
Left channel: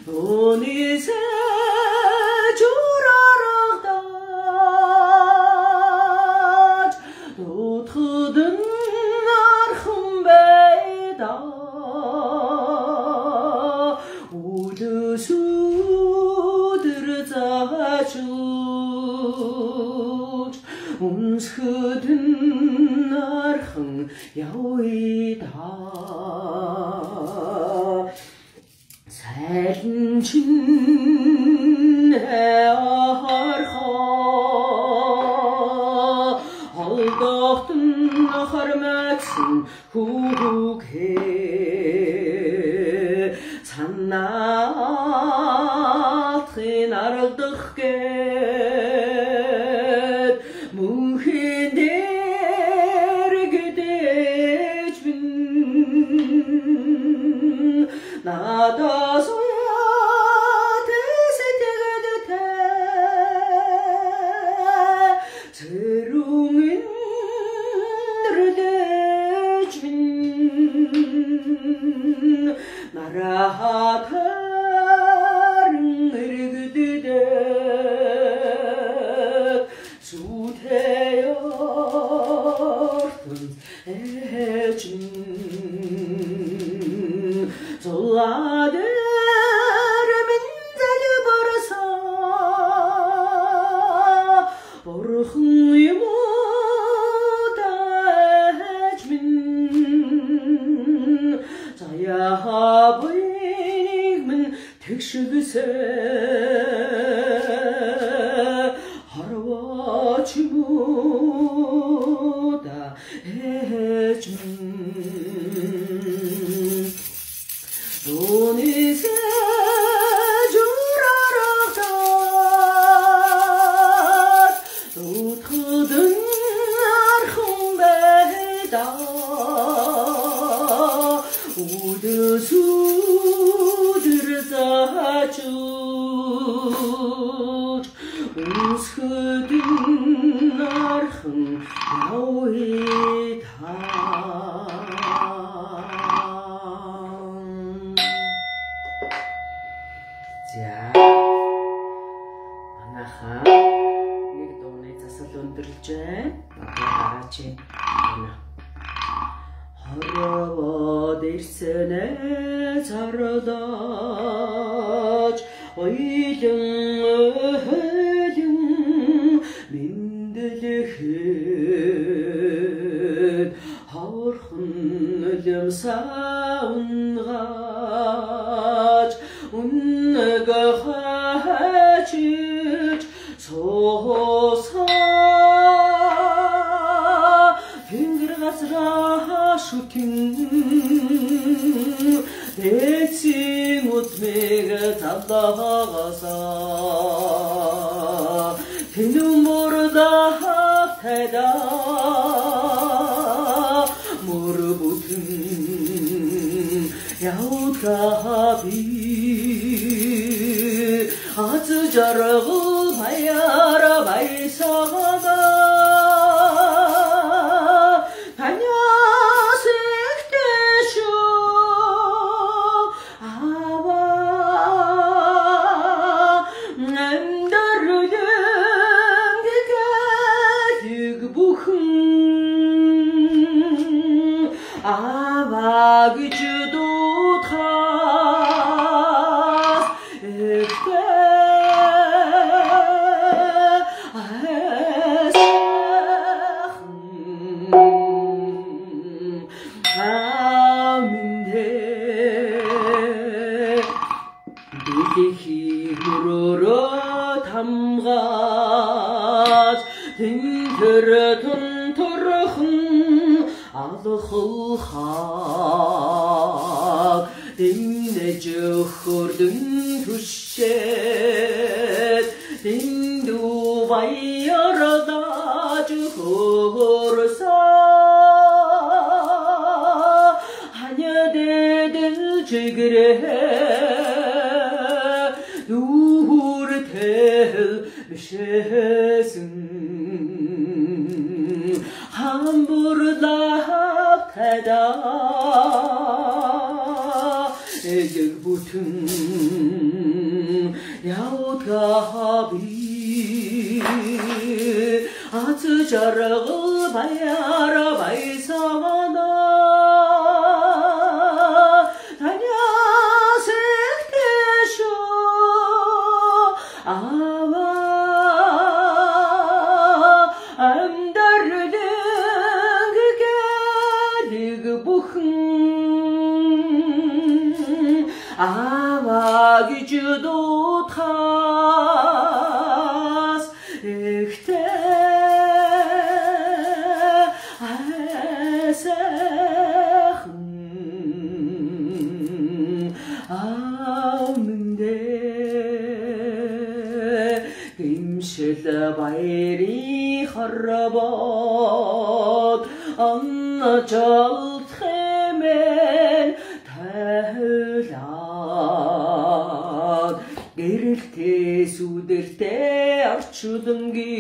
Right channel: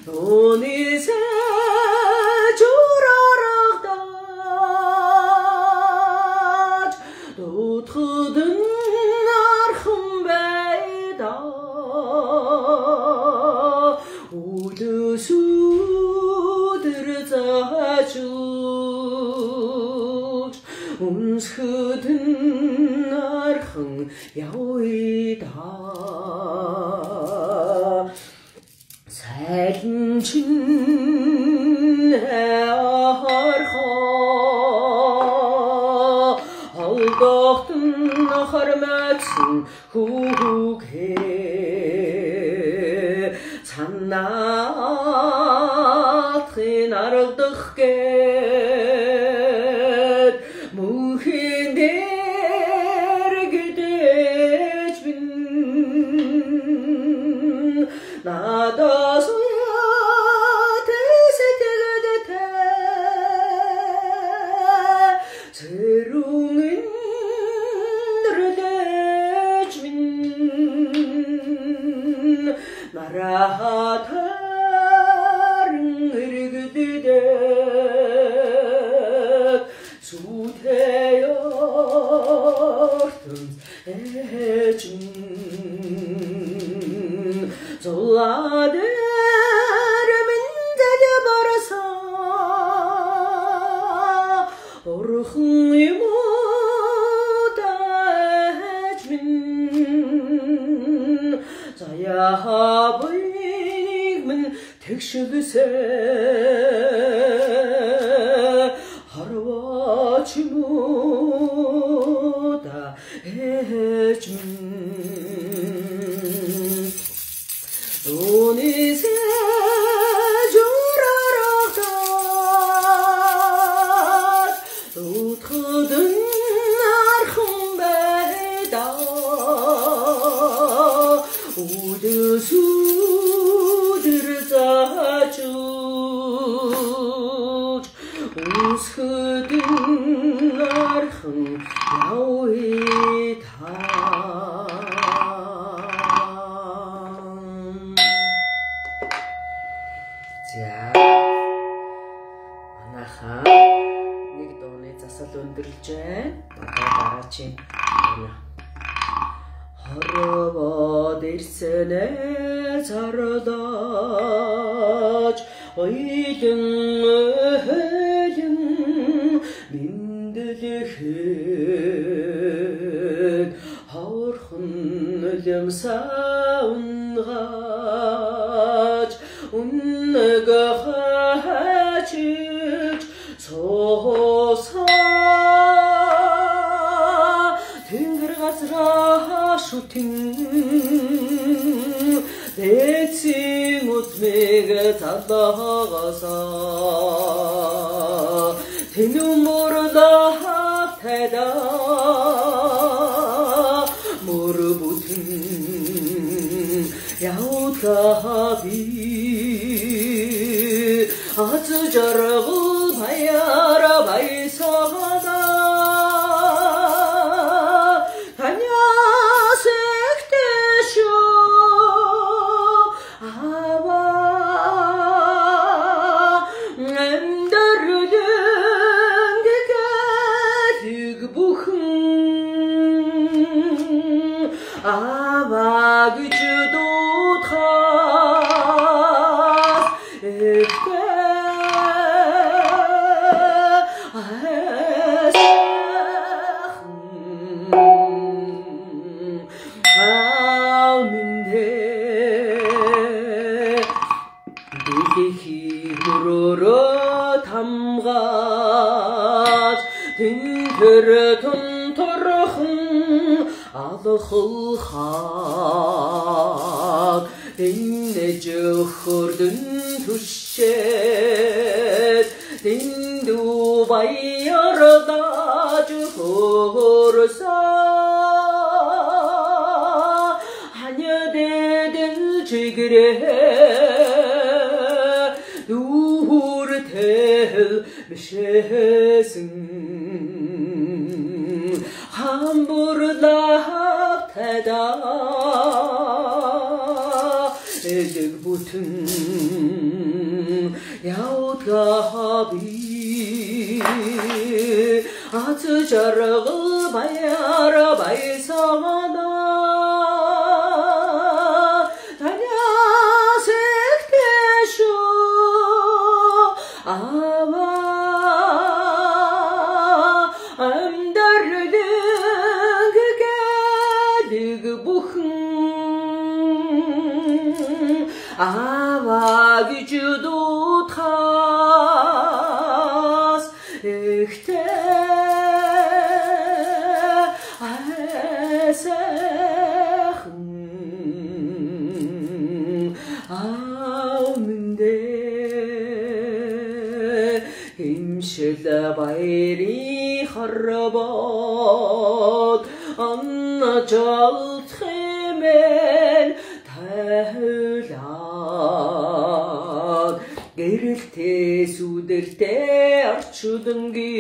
өнисэ журарагдаж утгадэн архан байда 우두수 자주 운스든 날흥 야위다 살인친 헤어허 알덕든 허르마친 후후게 산나트인 알덕게 무힌데르 그대진 나다소야 대세대가듯해 새롱인 르대진 나라하다른 르그드대 수태였던 애진 졸라대르면 달려버려서 오르흥이 못다 애진 자야하브이익은 택시그세 하루아침보다 해준 돈이세 줄알아가 웃거든 архумбайда 우드수들 자주 웃거든 архын 야위다 자 манайхан нэг дууны засал өндөрлж байна. Дараагийн байна. Хорвоод ирсэнэ зардаж ойлон ойлон миндэлэхэд хорхон лэмсаунгач үнэгэ хачиж соса тэнгэр газраа шүтэн дэцэн утмэг талаагаса тэнүмөрда хайда мөрбүтэн яутгаби 아주저러고 하야라 마이사가다 가냐색대쇼 아바 낸다르든 그가 득부흥 аваа гэж дуудахаас ихтэй алхах энэ жохордон түшээд дэндүү баярдаж хөрсаа ханядэдэн чигрээ дүүртэл бишээсэн хамбурлах тада эдэг бүтэн явдгаби аз жаргал баяра байсагана танясэгтэшо ава аваа гэж дуудахаас ихтэй айсахан амдэ имшил баяри харбод анначал хэмээн гэрэлтэй сүдэртэй орчудонги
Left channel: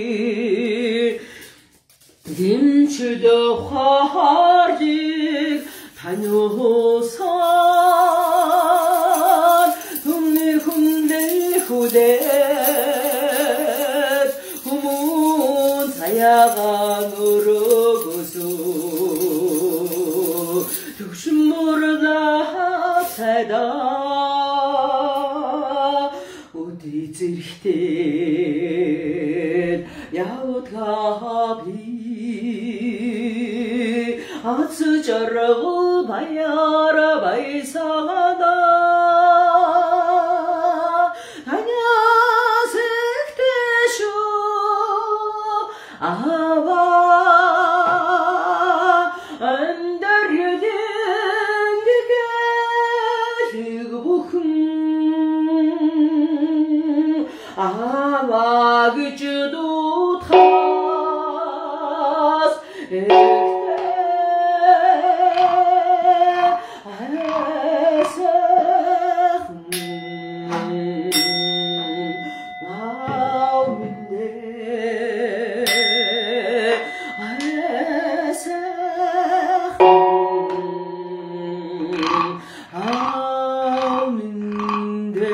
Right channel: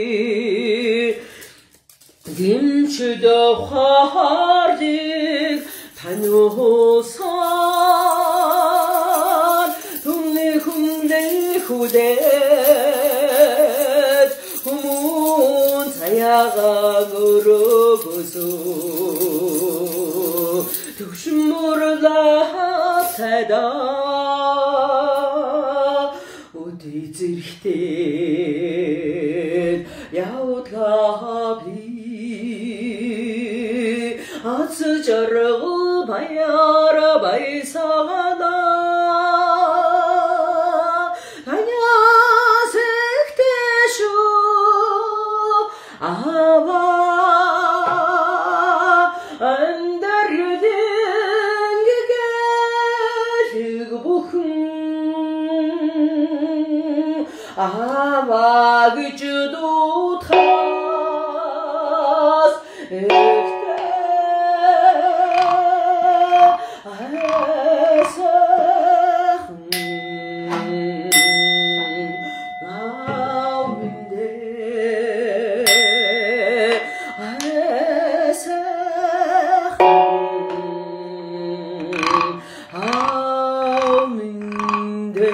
гимчд хардыг таниусан түмний хүндээ хүдээд хүмүүн цаягаа өрөөгөсөө төвшмөрлөө сайдаа зэрэгтэй явдгаби аз жаргал баяра байсагана танясэгтэшо ава андарэлэнгэгэлэг бүхэн аваа гэж дуудахаас ихтэй айсахан амдэ айсахан амдэ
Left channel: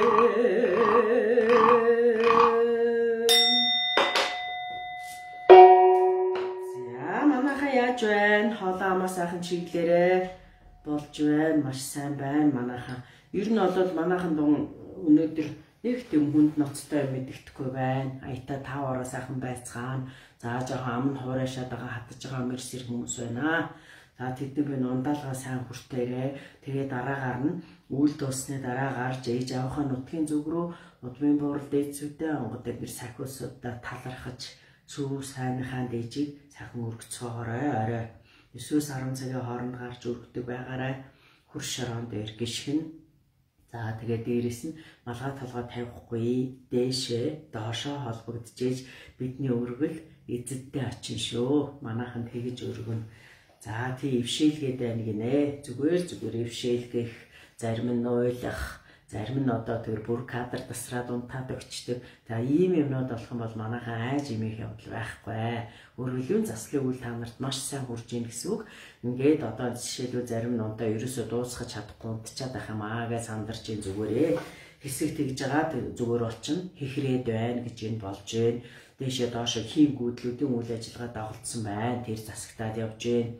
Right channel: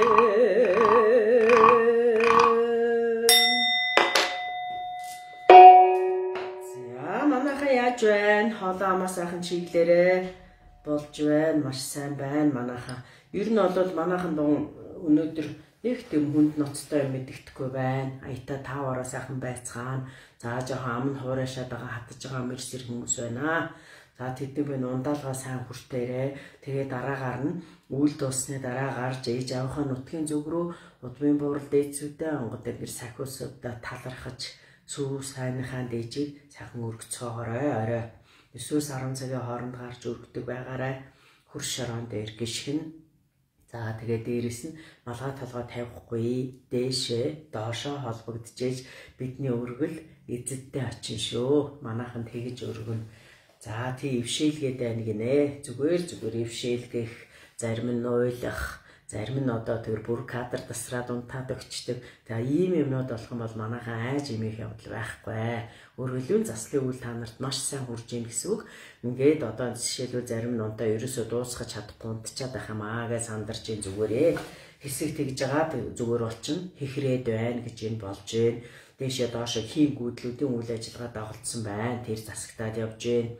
хоолоо амаа сайхан чиглэрээ болж байна. Маш сайн байна манайхаа. Ер нь бол манайхан өнөөдөр нэг тийм хүнд ноцтой мэддэхгүй байна. Аятаа 5 ороо сайхан байцгаана. За жоохон амн хуурайшаад байгаа хатж байгаа мэрсэр хүмүүс байна. За тэдний бэн ундаалгаа сайн хүртээрээ. Тэгээ дараагаар нь үйл дуусны дараа гарч ээж аваахаа нутгийн зүг рүү удмын буурал дээдсүүдээ онгод гэр сахиусуудаа талархаж сүү сайнхаа дээжийг сайхан өргөцгөөрэй орой 9-10 цагийн хооронд гарч өргөдөг байгаарай хурш шороон дээр гიშгэн за тэгээ дээрэс нь малгай толгой тавихгүй дээшээ доошоо холбогдчихэж бидний өргөл эзэдтэй очин шүү манайхан тэгэж өргөн за тий ившээлгээд байна гинэ зүгээр ившээлгэх зарим нь уйлах зарим нь одоо тэр бүр кадр тасраад унтаад өгчдөг. За ийм юмнууд болох юм бол манайхаа айж имих явдал байхгүй. Өргөлийн заслын үйл та нарт маш сайн хүрж ийн гэсэн үг. Ингээд одоо жишээлбэл зарим нь унтаа ерөөсөө дуусгаж чадахгүй унтчаад байх юм аа гэж сандарч ийн зүгээрээ. Хэсэг тэгж байгаа зүгээр болчин хихрээд байна гэж энэ болж байна. Дэшээ доошо хийм гүйдлүүдийн үйл ажиллагаа дагуулсан байна. Тэр засагтаад явж байна.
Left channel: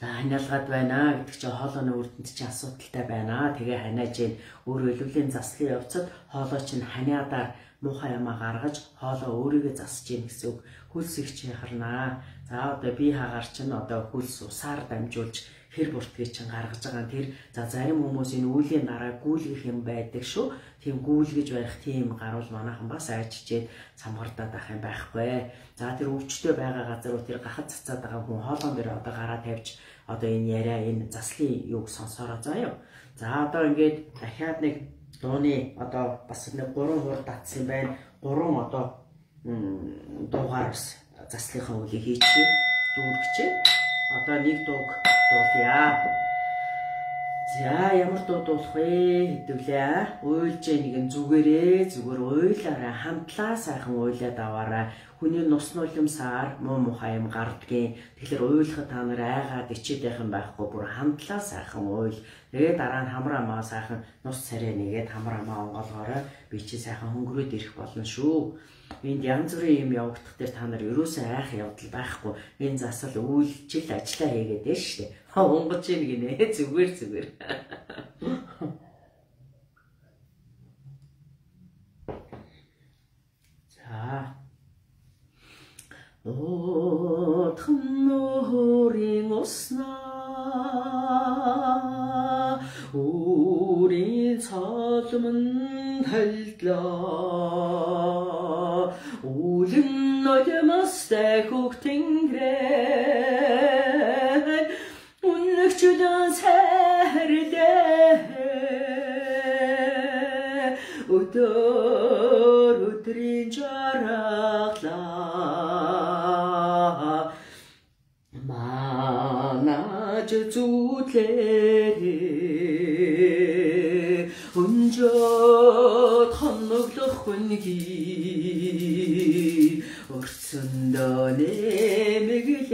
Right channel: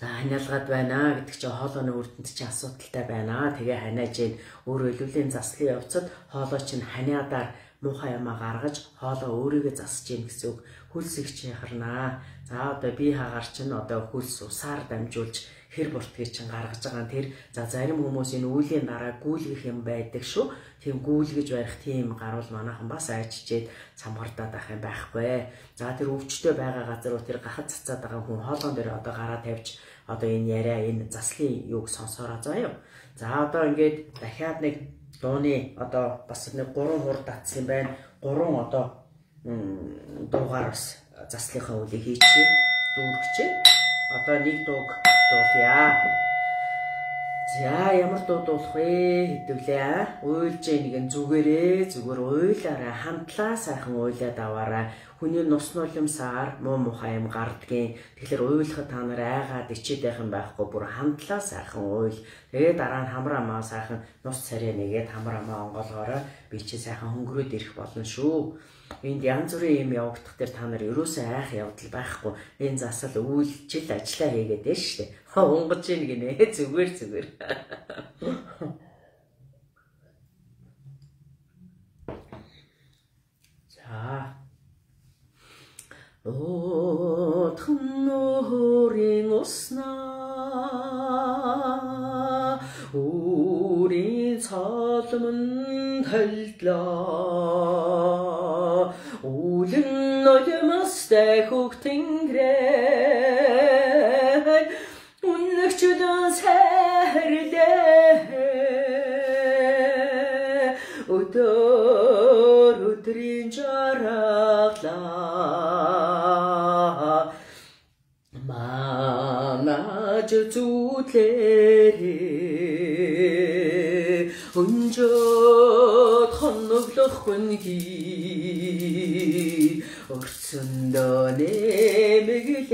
За ханиалгаад байна гэдэг чинь хоолойны үрдэнд чинь асуудалтай байна. Тэгээ ханиаж ийн өөрөө илүүлийн заслын явцад хоолой чинь ханиадаар муухай юмаа гаргаж хоолой өөрийгөө засаж ийн гэсэн үг. Хөлс их чи харнаа. За одоо би хагаар чинь одоо хөлс усаар дамжуулж хэр буртгийг чинь гаргаж байгаа. Тэр за зарим хүмүүс энэ үеийн дараа гүйлгэх юм байдаг шүү. Тийм гүйлгэж барих тийм гарвал манайхан бас айчжээд самгардаад ах юм байхгүй. За тэр өвчтөй байгаа газар тэр гахад цацаад байгаа хүн хоолон дээр одоо гараа тавьж одоо энэ яриа энэ заслын юуг сонсороо заа юу. За одоо ингээд дахиад нэг дууны одоо бас нэг 3 хур татсан юм байна. 3 одоо дуугаар бас заслынхаа үлийг хийчихье. Дүүргчээ. Одоо нэг дууг дуулъя. За ямар дуу дуулах вэ хэдвлээ. Уйлж нэг зүгээрээ зүгээр уйлаараа хамтлаа сайхан уйлаад аваарай. Хүний нус нулимсаар муу мухай юм гардгийн. Тэгэхээр уйлахад та нар айгаад ичээд байх юм байхгүй. Бүр хамтлаа сайхан уйл. Тэгээ дараа нь хамар амаа сайхан нус царай нэгээд хамар амаа онгоолгоорой. Би чи сайхан хөнгөрөөд ирэх болно шүү. Энд янз бүрийн юм явагдах дээр та нар ерөөсөө айх явдал байхгүй. Энэ засал үйлчил ажиллаа хийгээд байна шүү дээ. Унгаж ийн гинэ зүгээр. За. Отхон нуурын уснаа үрийн цолмон талдлаа үлэн ноёмостай хөг тэнгэрэн үнэгчдэн сайрдээ өдрийн жаргалаа манаж зүтлэрээ өнжөд хоноглох хүнги өрцөндөө нэмэглэрээ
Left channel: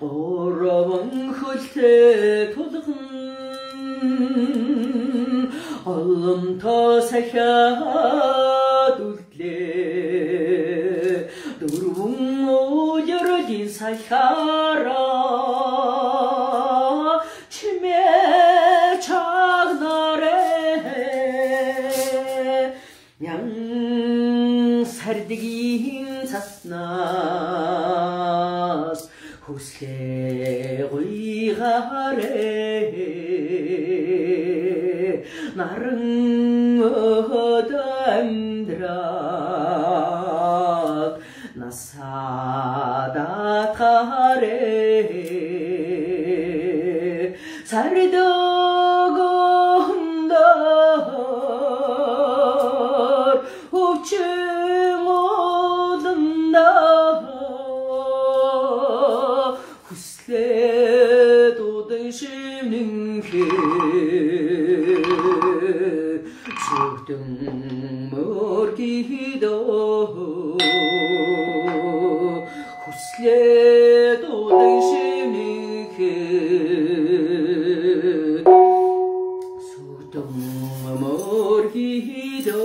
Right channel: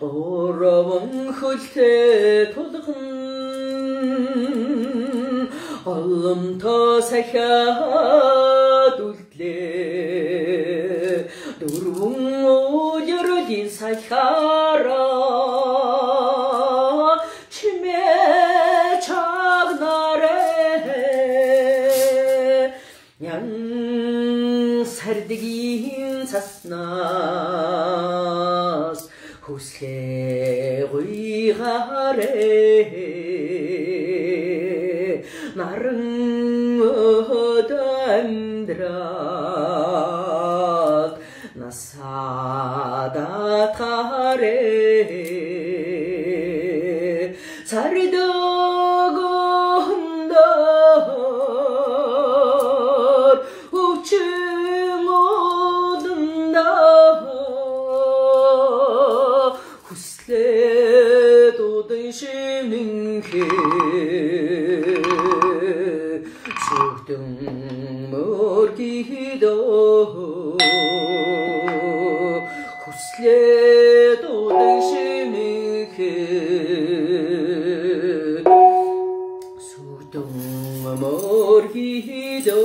оровон хөлтэй тулган олонто сахиад үлдлээ дөрвөн уярын сахиараа чимээ чагнарэ ян сардгийн цаснаас хүслээ гуйгарэ наран ödöndrat nasadat kare sarıdağındar uçun odunda huslet odun şimninki Söktüm mörgido Huslet odun şimniki Söktüm mörgido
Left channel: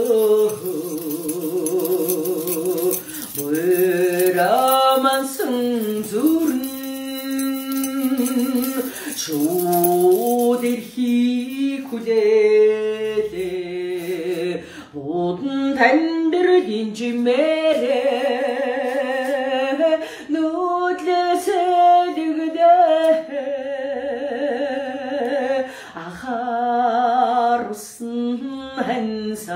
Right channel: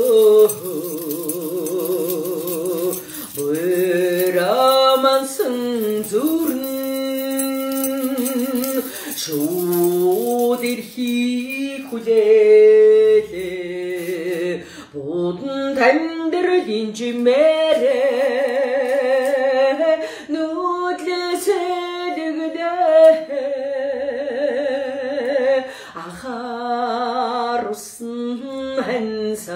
Bıramansın zurn Çoğdirhi kulele Bodun tendirdin cimere Nudlesedigde Akarusın hensaç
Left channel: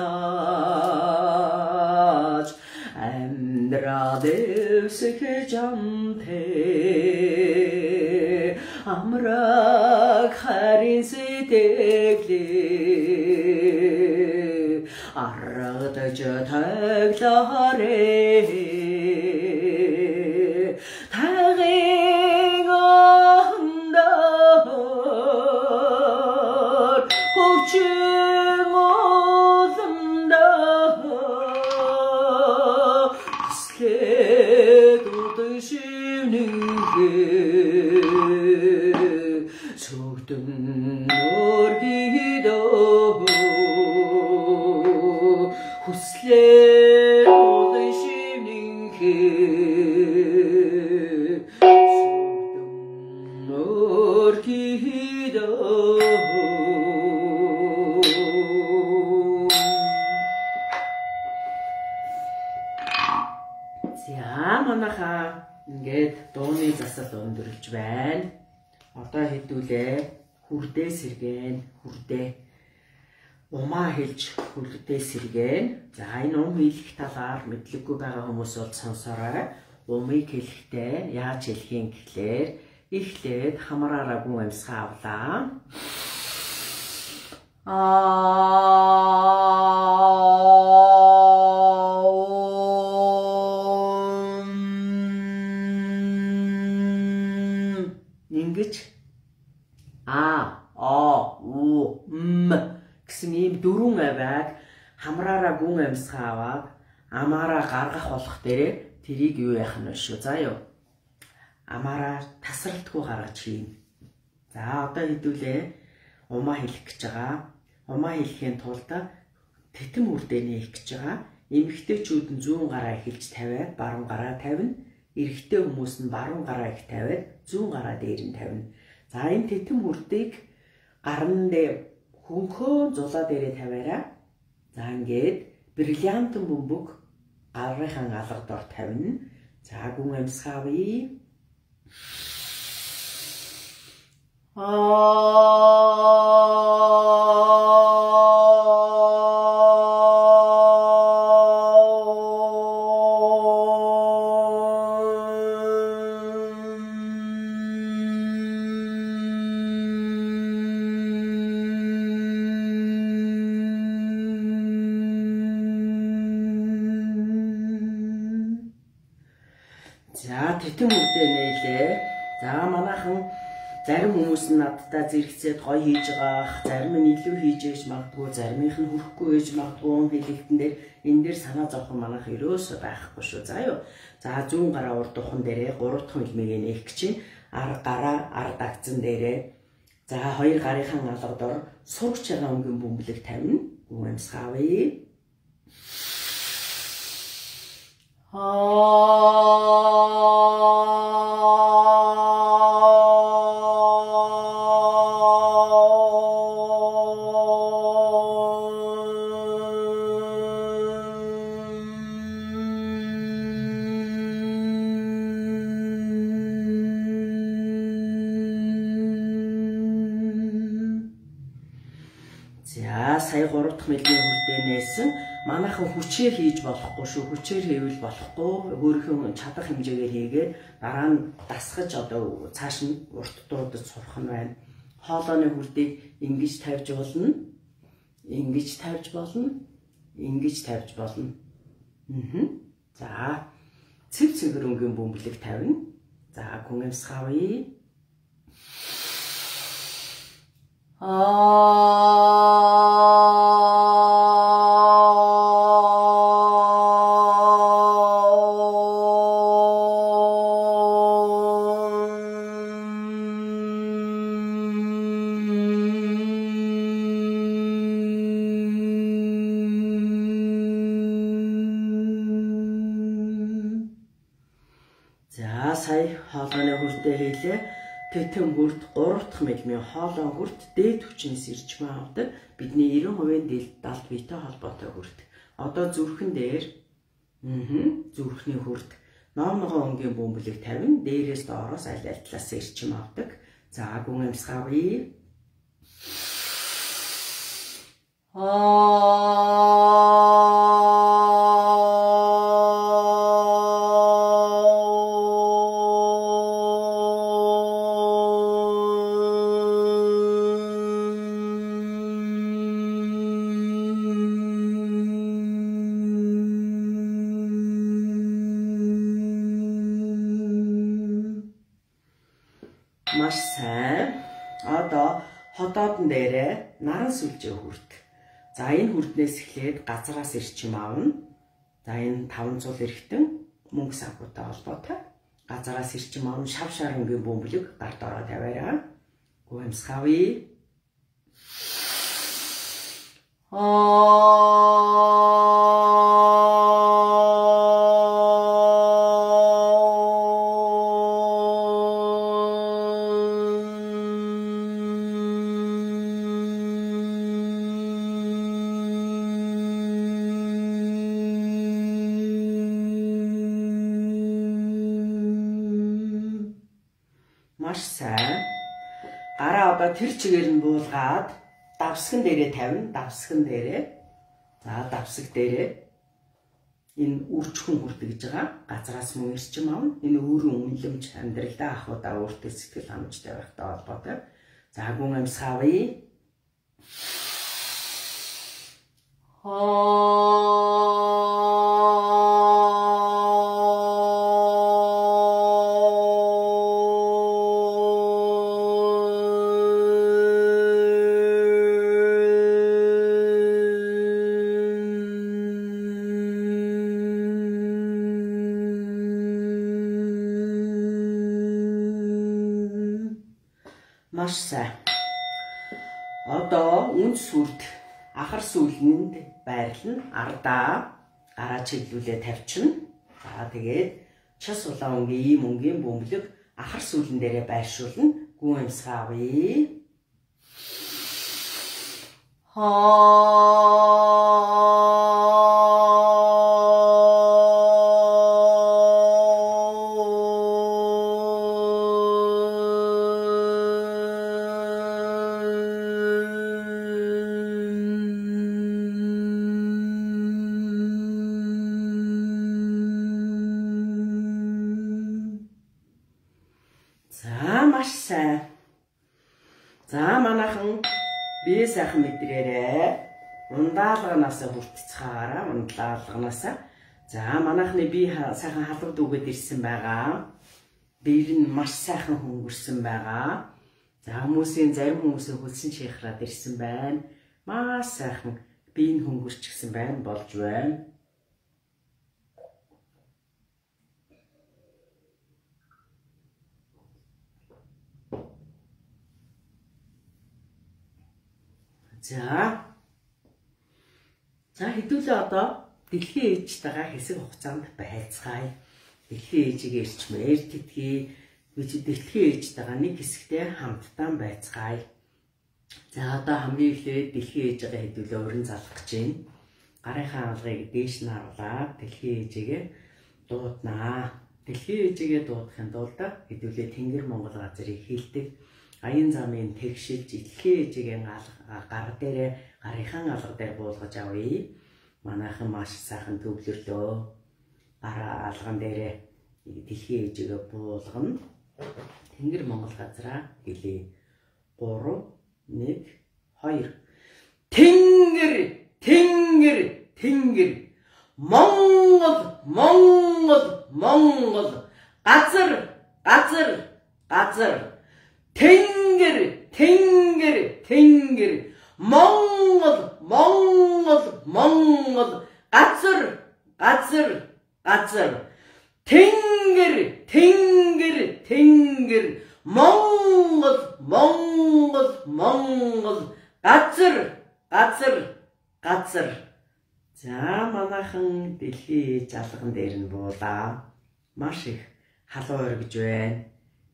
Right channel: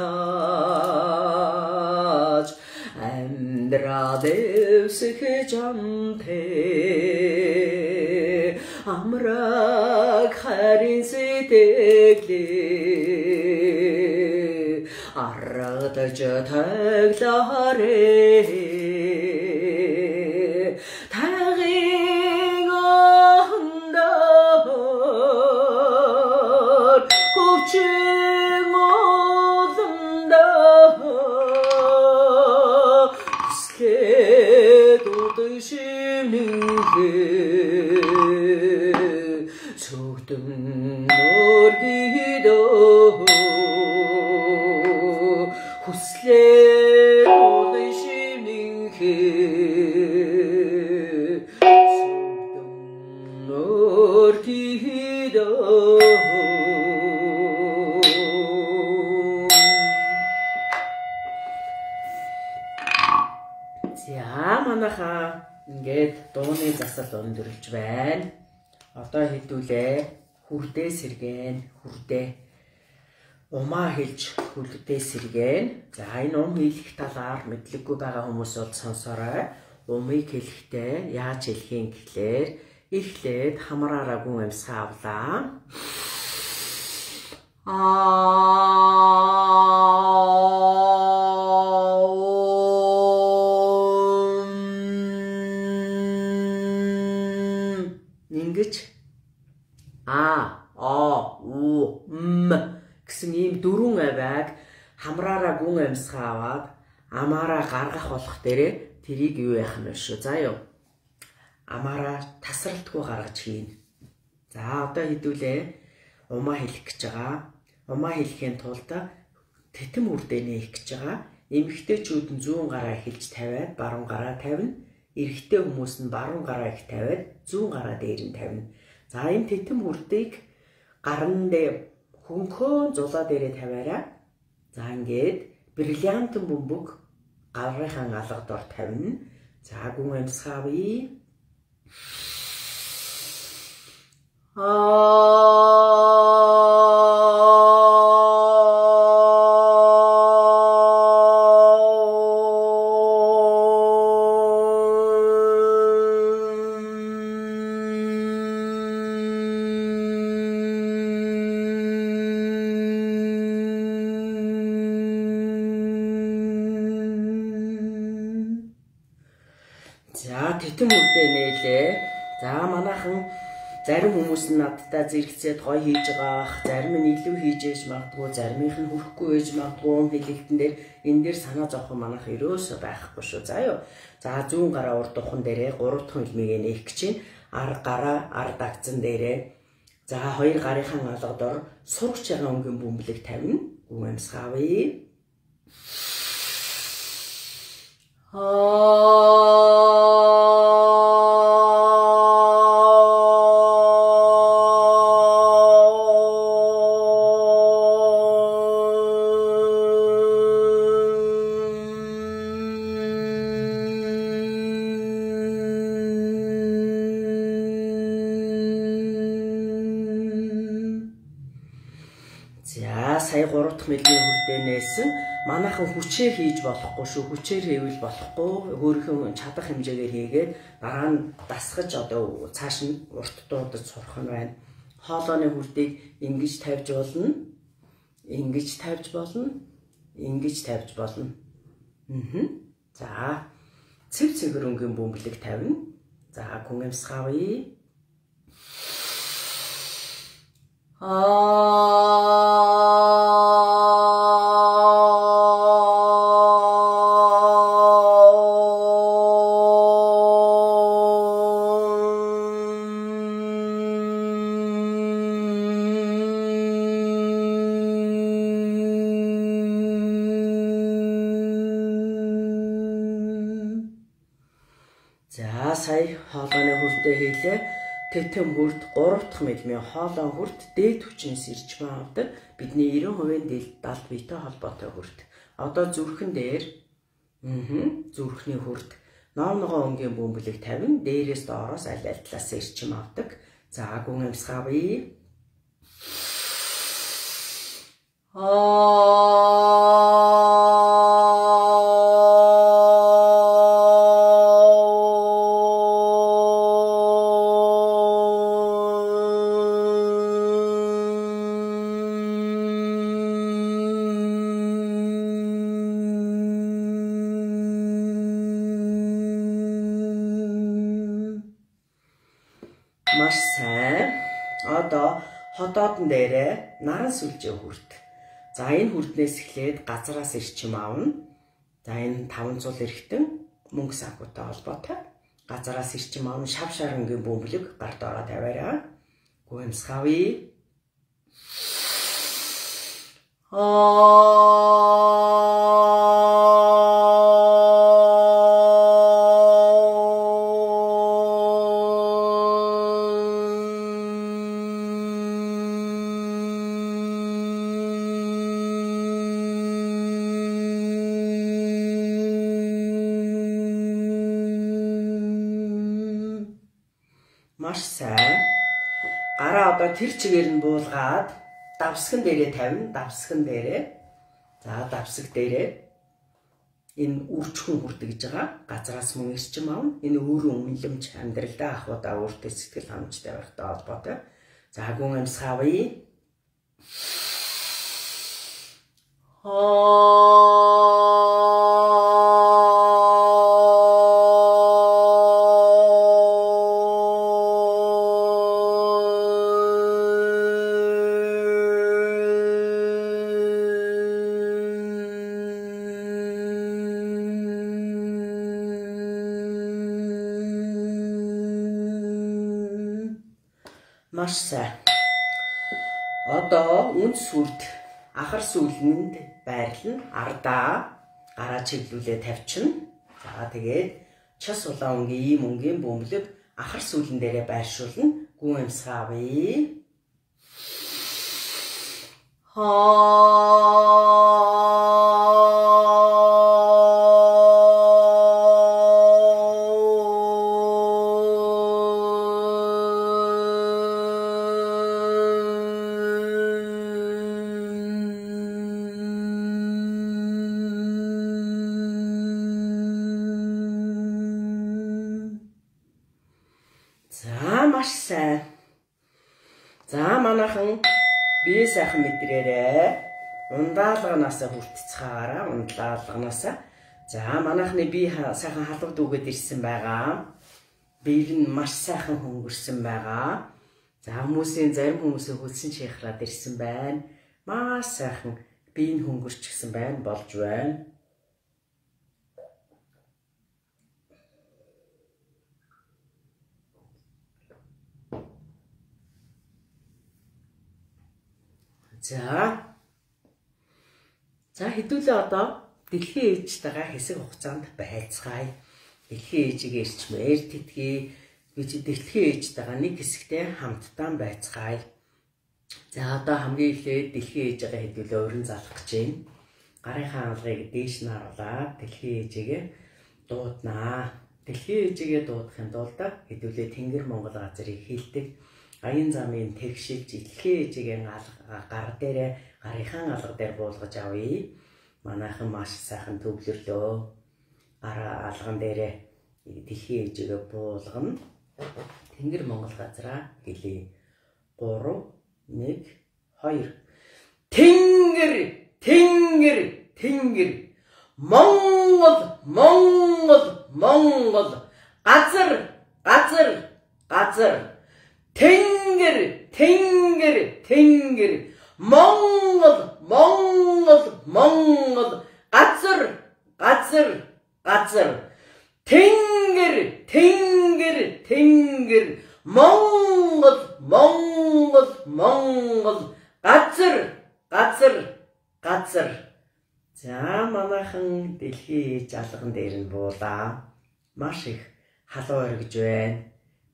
Emdradevsik cante Amrak harin sitekli Arradıcı taglare Tağın andar Hovçun odundar Haslet odun şimninki Söktüm norgido Huslet odun şimninki ингээд дууны засал өндөрлж байна. Одоо хэдүүлээ хүрдээ сэргэн хүрдээ. Умаа хэлж хүрдээ сэргэн. За энэ хийх талаар мэдлэггүй байгаа хүмүүсүүд сонсорой. Умыг хэлэхдээ яаж хэлхийн гэхлээр эхлээд хамраараа гүн амьсгаа авлаа. Ингэж гэсэн ийм дөрвөн авиаг хамраараа гүн амьсгаа аваад амаараа гаргах болох дээрээ тэрийг юу яах нь шүү. За юу. Амаараа тасралтгүй гаргаж хийн. За одоо хэдүүлээ умаа хэлэх гэж байгаа. Умаа хэлэхийн тулд титэм үрдээ нээх гэж байгаа. Эмэгтэйчүүд нь зүүн гараа эхэлж тавиад баруун гараа тавина. Эрэгтэй хүмүүс нь баруун гараа их тавиад зүүн гараа дээр нь тавина. За энэ титэм үрдийг гарн дээр хөнхөө зулаа дээрээ тавиараа. За ингээд бриллиантын бөмбөг гарынхан алга дор тавина. За гүн амьсгаа авъя. За титэм үрдээ нээлээ. За манайхан зарим хүмүүс нь надтай зэрэгцээд гоё хийж байгаах, зарим нь илүү хийж ээж магадгүй, заримынх нь хүрэхгүй ээж магадгүй хэлэлтэн дээр энэ дээр санаа зовхон манайх ерөөсөө байхгүй шүү. За юу. За зүүн гараа урд духан дээрээ 3 дахь хэлмийг нээх гэж чинь арга гараа ард агцан дээрээ за хоёр гарынхан алга дор сурагч байгаа өнгийн бөмбөлөг тавина. Гүн амьсгаа авъя. За сая 3 дахь мэлгийн хүрдээ нээсэн. Манайхан хүчээр хийж болохгүй шүү. Хүчээр хийвэл болохгүй. Өөрийнхөө чадах хэмжээгээр хийгээд дараа нь дасгаж одоо цааш нь урт дуудаж сурах нь байна. Хоолойны хүрдийг ингэж тавьж болно. Ингэж тавьж болно. Ингэж тавьж болно. За цэв цэвэр өнгийн бөмбөлөг тавина. За гүн амьсгаа авъя. За сая хоолойны хүрдээ хийлээ. Титэм хүрд 3 дахь мэлмийн хоолой хүрд дээд хүчнээс ирж авдаг. Бидний 90% далд биетэй холбоотой хүрд. Одоо зүрхэн дээр зүрхний хүрд ном ногоон өнгийн бөмбөлөг тавина. Дээрээс доороос аль талаас ирчим авдаг. За гүн амьсгаа авъя. Маш сайн. Одоо хотоодн дээрээ наран сүлжээ хүрд. За энэ хүрднээс эхлээд газраас ирчим аавна. За энэ 500 эрхтэн мөнгө санхүүтэй холбоотой. Газраас ирчим аавна шав шарангийн бөмбөлөг гард ороо тавиараа. Гүн амьсгаа авъя. Маш сайн. Гараа одоо тэр чигээр нь буулгаад давсган дээрээ тавина. Давсган дээрээ. За давсаг дээрээ энэ үрчхэн хүрдэг гэж байгаа. Газраас мөн ирчим аавна. Энэ өөрөө үнэлэмж амьдралдаа ахуудаа өөртөө сэтгэл ханамжтай байхтай холбоотой. За гүн амьсгаавъя. Маш сайн. Одоо үнд сүлд ахар сүүлэнд байрлана. Ардаа гараа чиглүүлээ тавьчихна. За тэгээд час улаан өнгийн мөнгөний бөмбөлөг ахар сүүлэн дээрээ байршуулна. Гүн амьсгаавъя. За маш сайн. За манайхан бие сайхан мэдрээрээ ундаалганаас хүртцгаараа ундаалганаас. За манайхны бие сайхан халууд үгээд ирсэн байгаа. Биер нь маш сайхан хөнгөрсөн байгаа. За хүмүүсийн зарим хүмүүсийн хөлсөн шихраад ирсэн байна. Маш сайхан бие нь хөнгөрчихсэн байна, болж байна. За хэдүүлээ одоо дэлхийн ээжтэйгээ хэсэг хугацаанд байцгаая. Дэлхийн ээжигээ ирчмээр тэтгэе. Дэлхийн ээжтэйгээ нэг хэсэгтээ хамтдаа байцгаая. За одоо хамгийн эхлээд дэлхийн ээжигээ хэдүүлээ уран залах гэж байна. Гарынхаа алгыг дээш нь харуулаад дэлхийн ээжигээ дууднаа. Дэлхийн ээжигээ дуудахын тулд хэдүүлээ Тэнгэр Монгол газрыг хилдэг. Аян замын тэгшилж дэлхийн ээжигээ гар дээрээ гарынхаа алга дээр буулгаж авъя. Манайхан маш сайхан төвлөрлөө. Гараа алган дээрээ дэлхийн ээжигээ буулгана. Тэнгэр Монгол газраа хэлье. 3 1 2 Тэнгэр Тэнгэр Тэнгэр Монгол Монгол Монгол газар газар газар Тэнгэр Тэнгэр Тэнгэр Монгол Монгол Монгол газар газар газар Тэнгэр Тэнгэр Тэнгэр Монгол Монгол Монгол газар газар газар. За манайхан дэлхийн ээж алган дээр нь буулаа. Маш их халуун оргиж байна.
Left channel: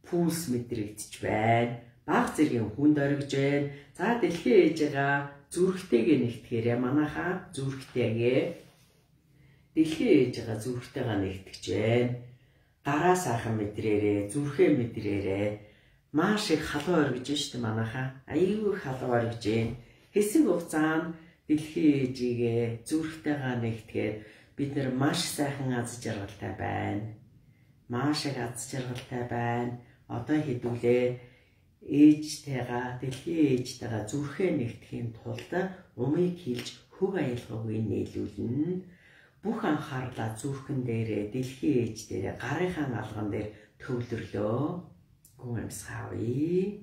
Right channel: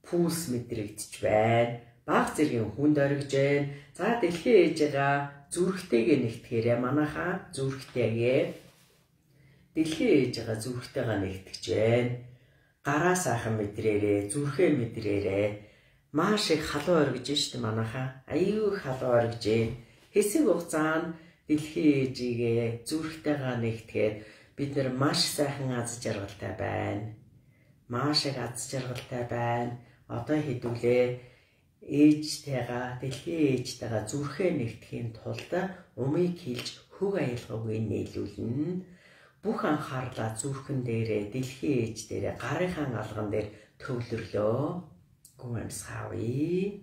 Пүүс мэдрэгдэж байна. Баг зэргийн хүнд оргиж байна. За дэлхийн ээжигээ зүрхтэйгээ нэгтгэхээрээ манайхаа зүрхтэйгээ дэлхийн ээжигээ зүрхтэйгээ нэгтгэж байна. Гараа сайхан мэдрээрээ, зүрхээ мэдрээрээ. Маш их халуун оргиж штэ манайхаа. Аюу халуун оргиж байна. Хэсэг хугацаанд дэлхийн ээжигээ зүрхтэйгээ нэгтгэхээр бид нар маш сайхан аз жаргалтай байна. Маш их аз жаргалтай байна. Одоо хэдүүлээ ээжтэйгээ дэлхийн ээжтэйгээ зүрхээ нэгтгэхийн тулд умыг хилж хөг аялгаагүй нийлүүлнэ. Бүх анхаарлаа зүрхэн дээрээ дэлхийн ээж дээрээ гарынхаа алган дээр төвлөрлөө. Гүн амьсгаавъя.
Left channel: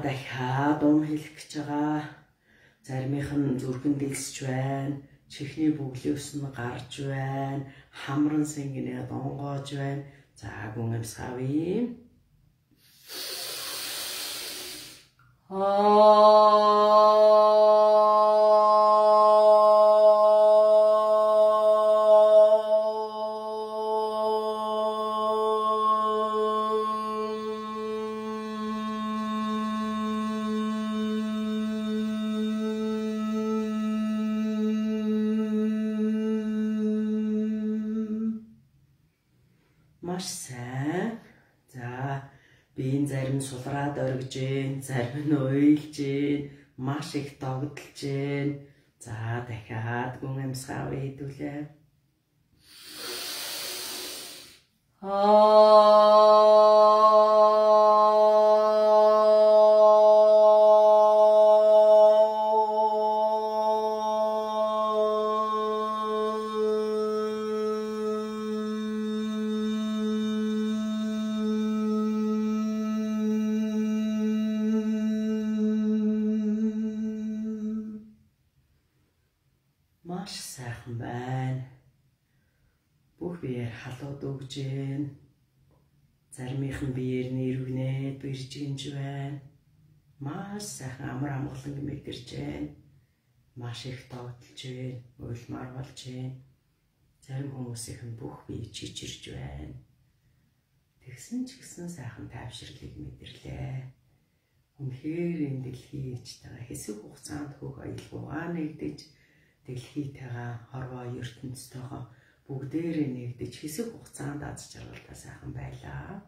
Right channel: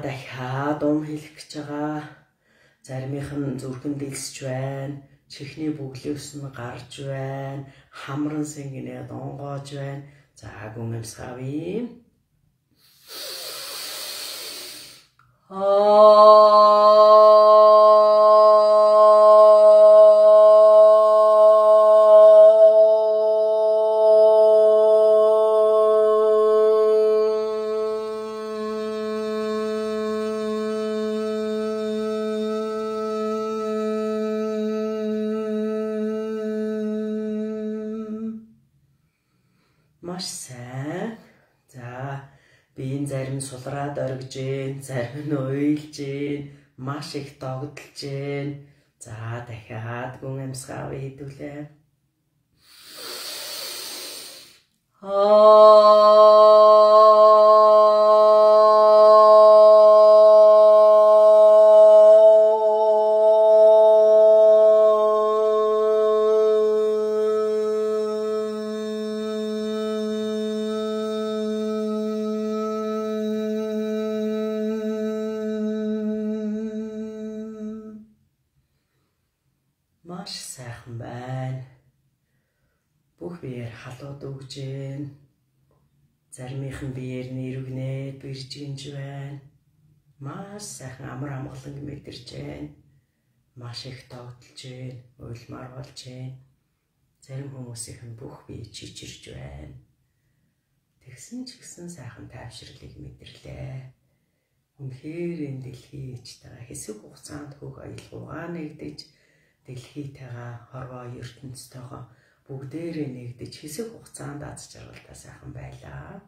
Дахиад хэлэх гэж байгаа. Заримийнх нь зүрхэн дэлсэж байна. Чихний бөглөөс нь гарч байна. Хамран сэнгэнээ донгоож байна. За гүн амсгавъя. Маш сайн. За биеийн зарим нь сулраад оргиж гин, зарим нь уйлж гин, маш их догдолж гин. За дахиад гүн амсгавъя хэдүүлээ. Маш сайхан байна. Бүх биеэр халууд өгж гин. Заримийнх нь биеэр нэрвгнээд бирж гинж байна. Маш сайхан амар амгалан мэдэрч байна. Маш их догдолж гин, уйлмар болж гин. Зарим хүмүүсийнх нь бүх бие чичирж байна. Тэгсэн ч гэсэн сайхан тайвширлыг мэдэрлээ. Үнэхээр энэ дэлхий ээжтэйгээ хэсэг хугацаанд хөг аялгаугаа нэгдэж дэлхийтэйгээ хорвоо ертөнцтэйгээ бүгдээрээ нэгдэж хэсэг хугацаанд аз жаргалтай сайхан байлаа.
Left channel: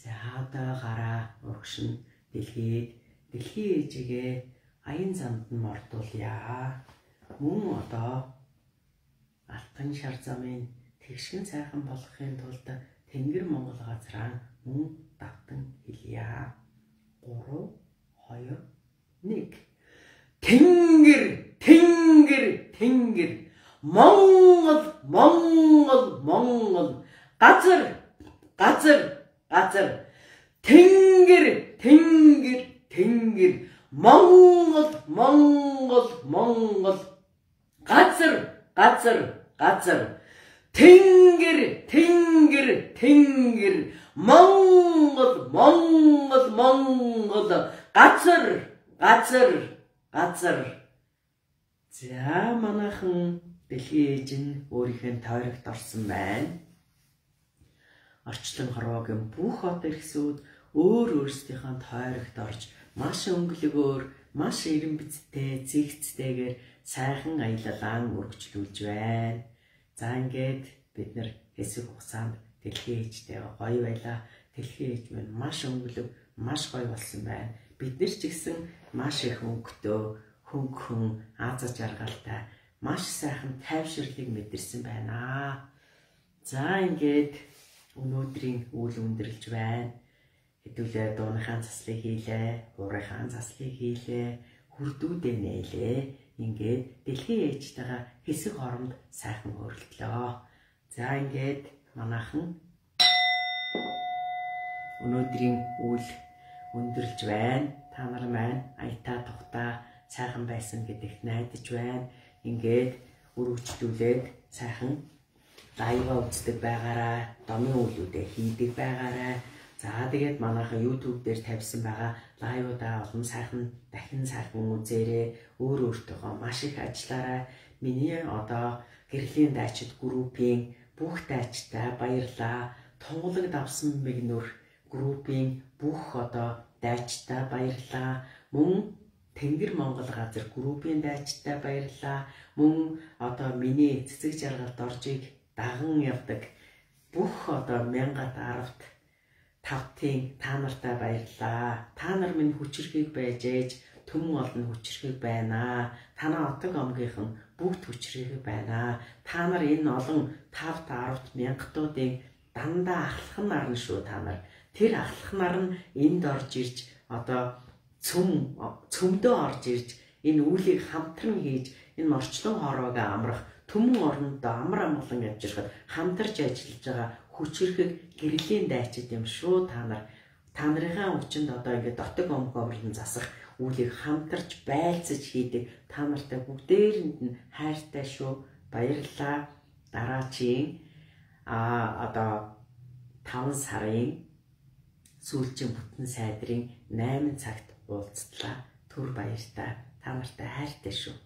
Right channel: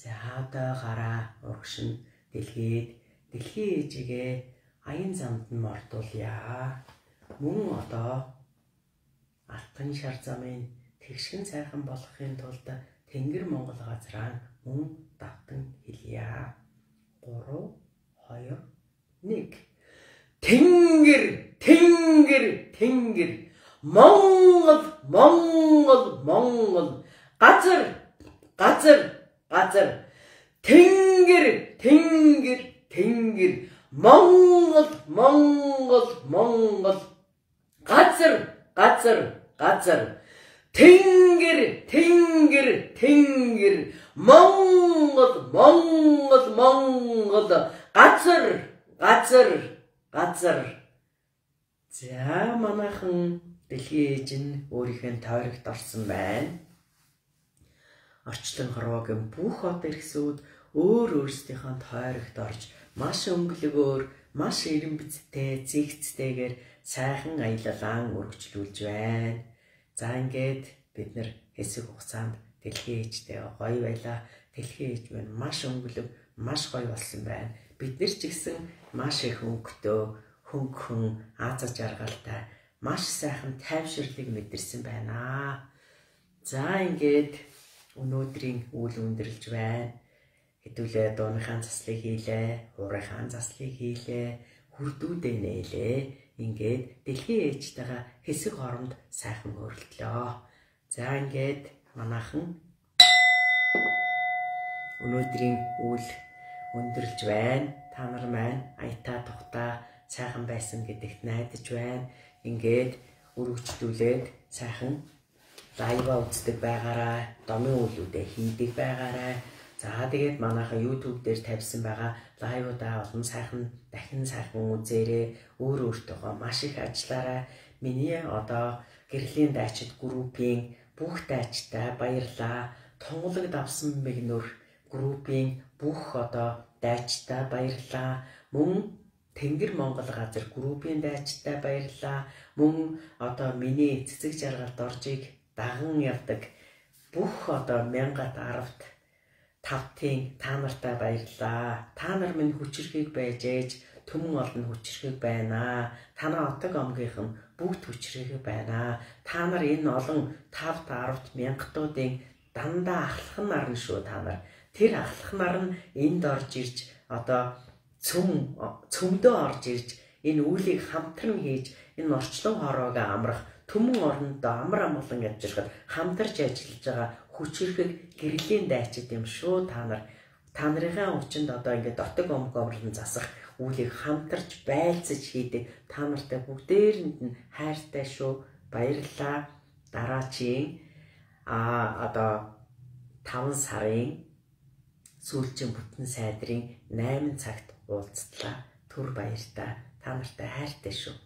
За одоо гараа урагшин дэлхий ээжигээ аян замд нь мордуулъя. Мөн одоо алтан шар замын тэгшин сайхан болгохын тулд Тэнгэр Монгол газраа мөн давтан хэлье. 3, 2, 1. Тэнгэр, Тэнгэр, Тэнгэр. Монгол, Монгол, Монгол. Газар, газар, газар. Тэнгэр, Тэнгэр, Тэнгэр. Монгол, Монгол, Монгол. Газар, газар, газар. Тэнгэр, Тэнгэр, Тэнгэр. Монгол, Монгол, Монгол. Газар, газар, газар. За манайхан дэлхий ээж нь өөрийнхөө тойрогт орсон байна. Орчлон хорвоогийн бүх од эрхсүүд өөрсдийнхөө тойрогт орж маш өнгөлөгөөр, маш эрен бицтэй, зэгцтэйгээр сайхан аялалаан үргэлжлүүлж байна. За ингээд бид нэр хэсэг хугацаанд дэлхий ээжтэйгээ гоё байлаа. Дэлхий ээж минь маш өнгөлөг, маш гоё болсон байна. Бид нар ч гэсэн маш их өнгөтэй, хөнгөн, аз жаргалтай, маш сайхан тайвширлыг мэдэрсэн байна. За ингээд өнөөдрийн үйл өндөрлж байна. Хэдүүлээ дууныхаа заслыг хийлээ, хуурийнхаа заслыг хийлээ, хүрдүүдээ нээлээ. Ингээд дэлхий ээжтэйгээ хэсэг хоромд сайхан хөрөлдлөө. За ингээд манайхан өнөөдрийн үйл өндөрлж байна. Та нар маань аятаа тухтаа сайхан байсан гэдэгт найдаж байна. Ингээд өргөжлүүлээд сайхан лайва үздэг байгаарай. Домын үйлүүдээ хийдэг байгаарай. За тэгээд манайхан YouTube дээр тавьсан байгаа лайвуудаа олон сайхан дахин сайхан үзээрэй. Өөртөөгөө маш их ажиллаарай. Миний одоо гэрлийн дайчид группийн бүх дайчтай баярлаа. Тунгалаг давсан мэгнүр группийн бүх одоо дайчтай баярлаа. Мөн Тэнгэр Монгол газар группийн дайчтай баярлаа. Мөн одоо миний цэцэг жаргалд оржийг даган явдаг бүх одоо 1010-т тавтын та нартай баярлаа. Та нар минь хүчрхийг байж ээж төмөн олон хүчрхийг байна. Танаа отог омгийнхан бүгд хүчрхийг байна. Та нар энэ олон 5-10 мянгатуудын дандаа ахлах нарна шүү та нар. Тэр ахлах нар нь энд орж ирж одоо цөмдөө орж ирж энэ үйлийг хамтран хийж энэ орчлон хороог амрах төмөн орондоо амар амгалан явжирхад хамтарч ажиллаж байгаа хүчрхэг гэрлийн дайчид юм шүү та нар. Та нарын хүчинд одоо ингээд дотог омгоомрон засах үйлийг хамтарч байлцаж хийдэг та нартай бүгдээрэнд нь хайртай шүү. Баярлалаа. Дараачийн Одоо 5 сарын сүүлчийн бүтэн сайдрын 8 цагт уулзтлаа. Түр баяртай. Та нартай хайртай шүү.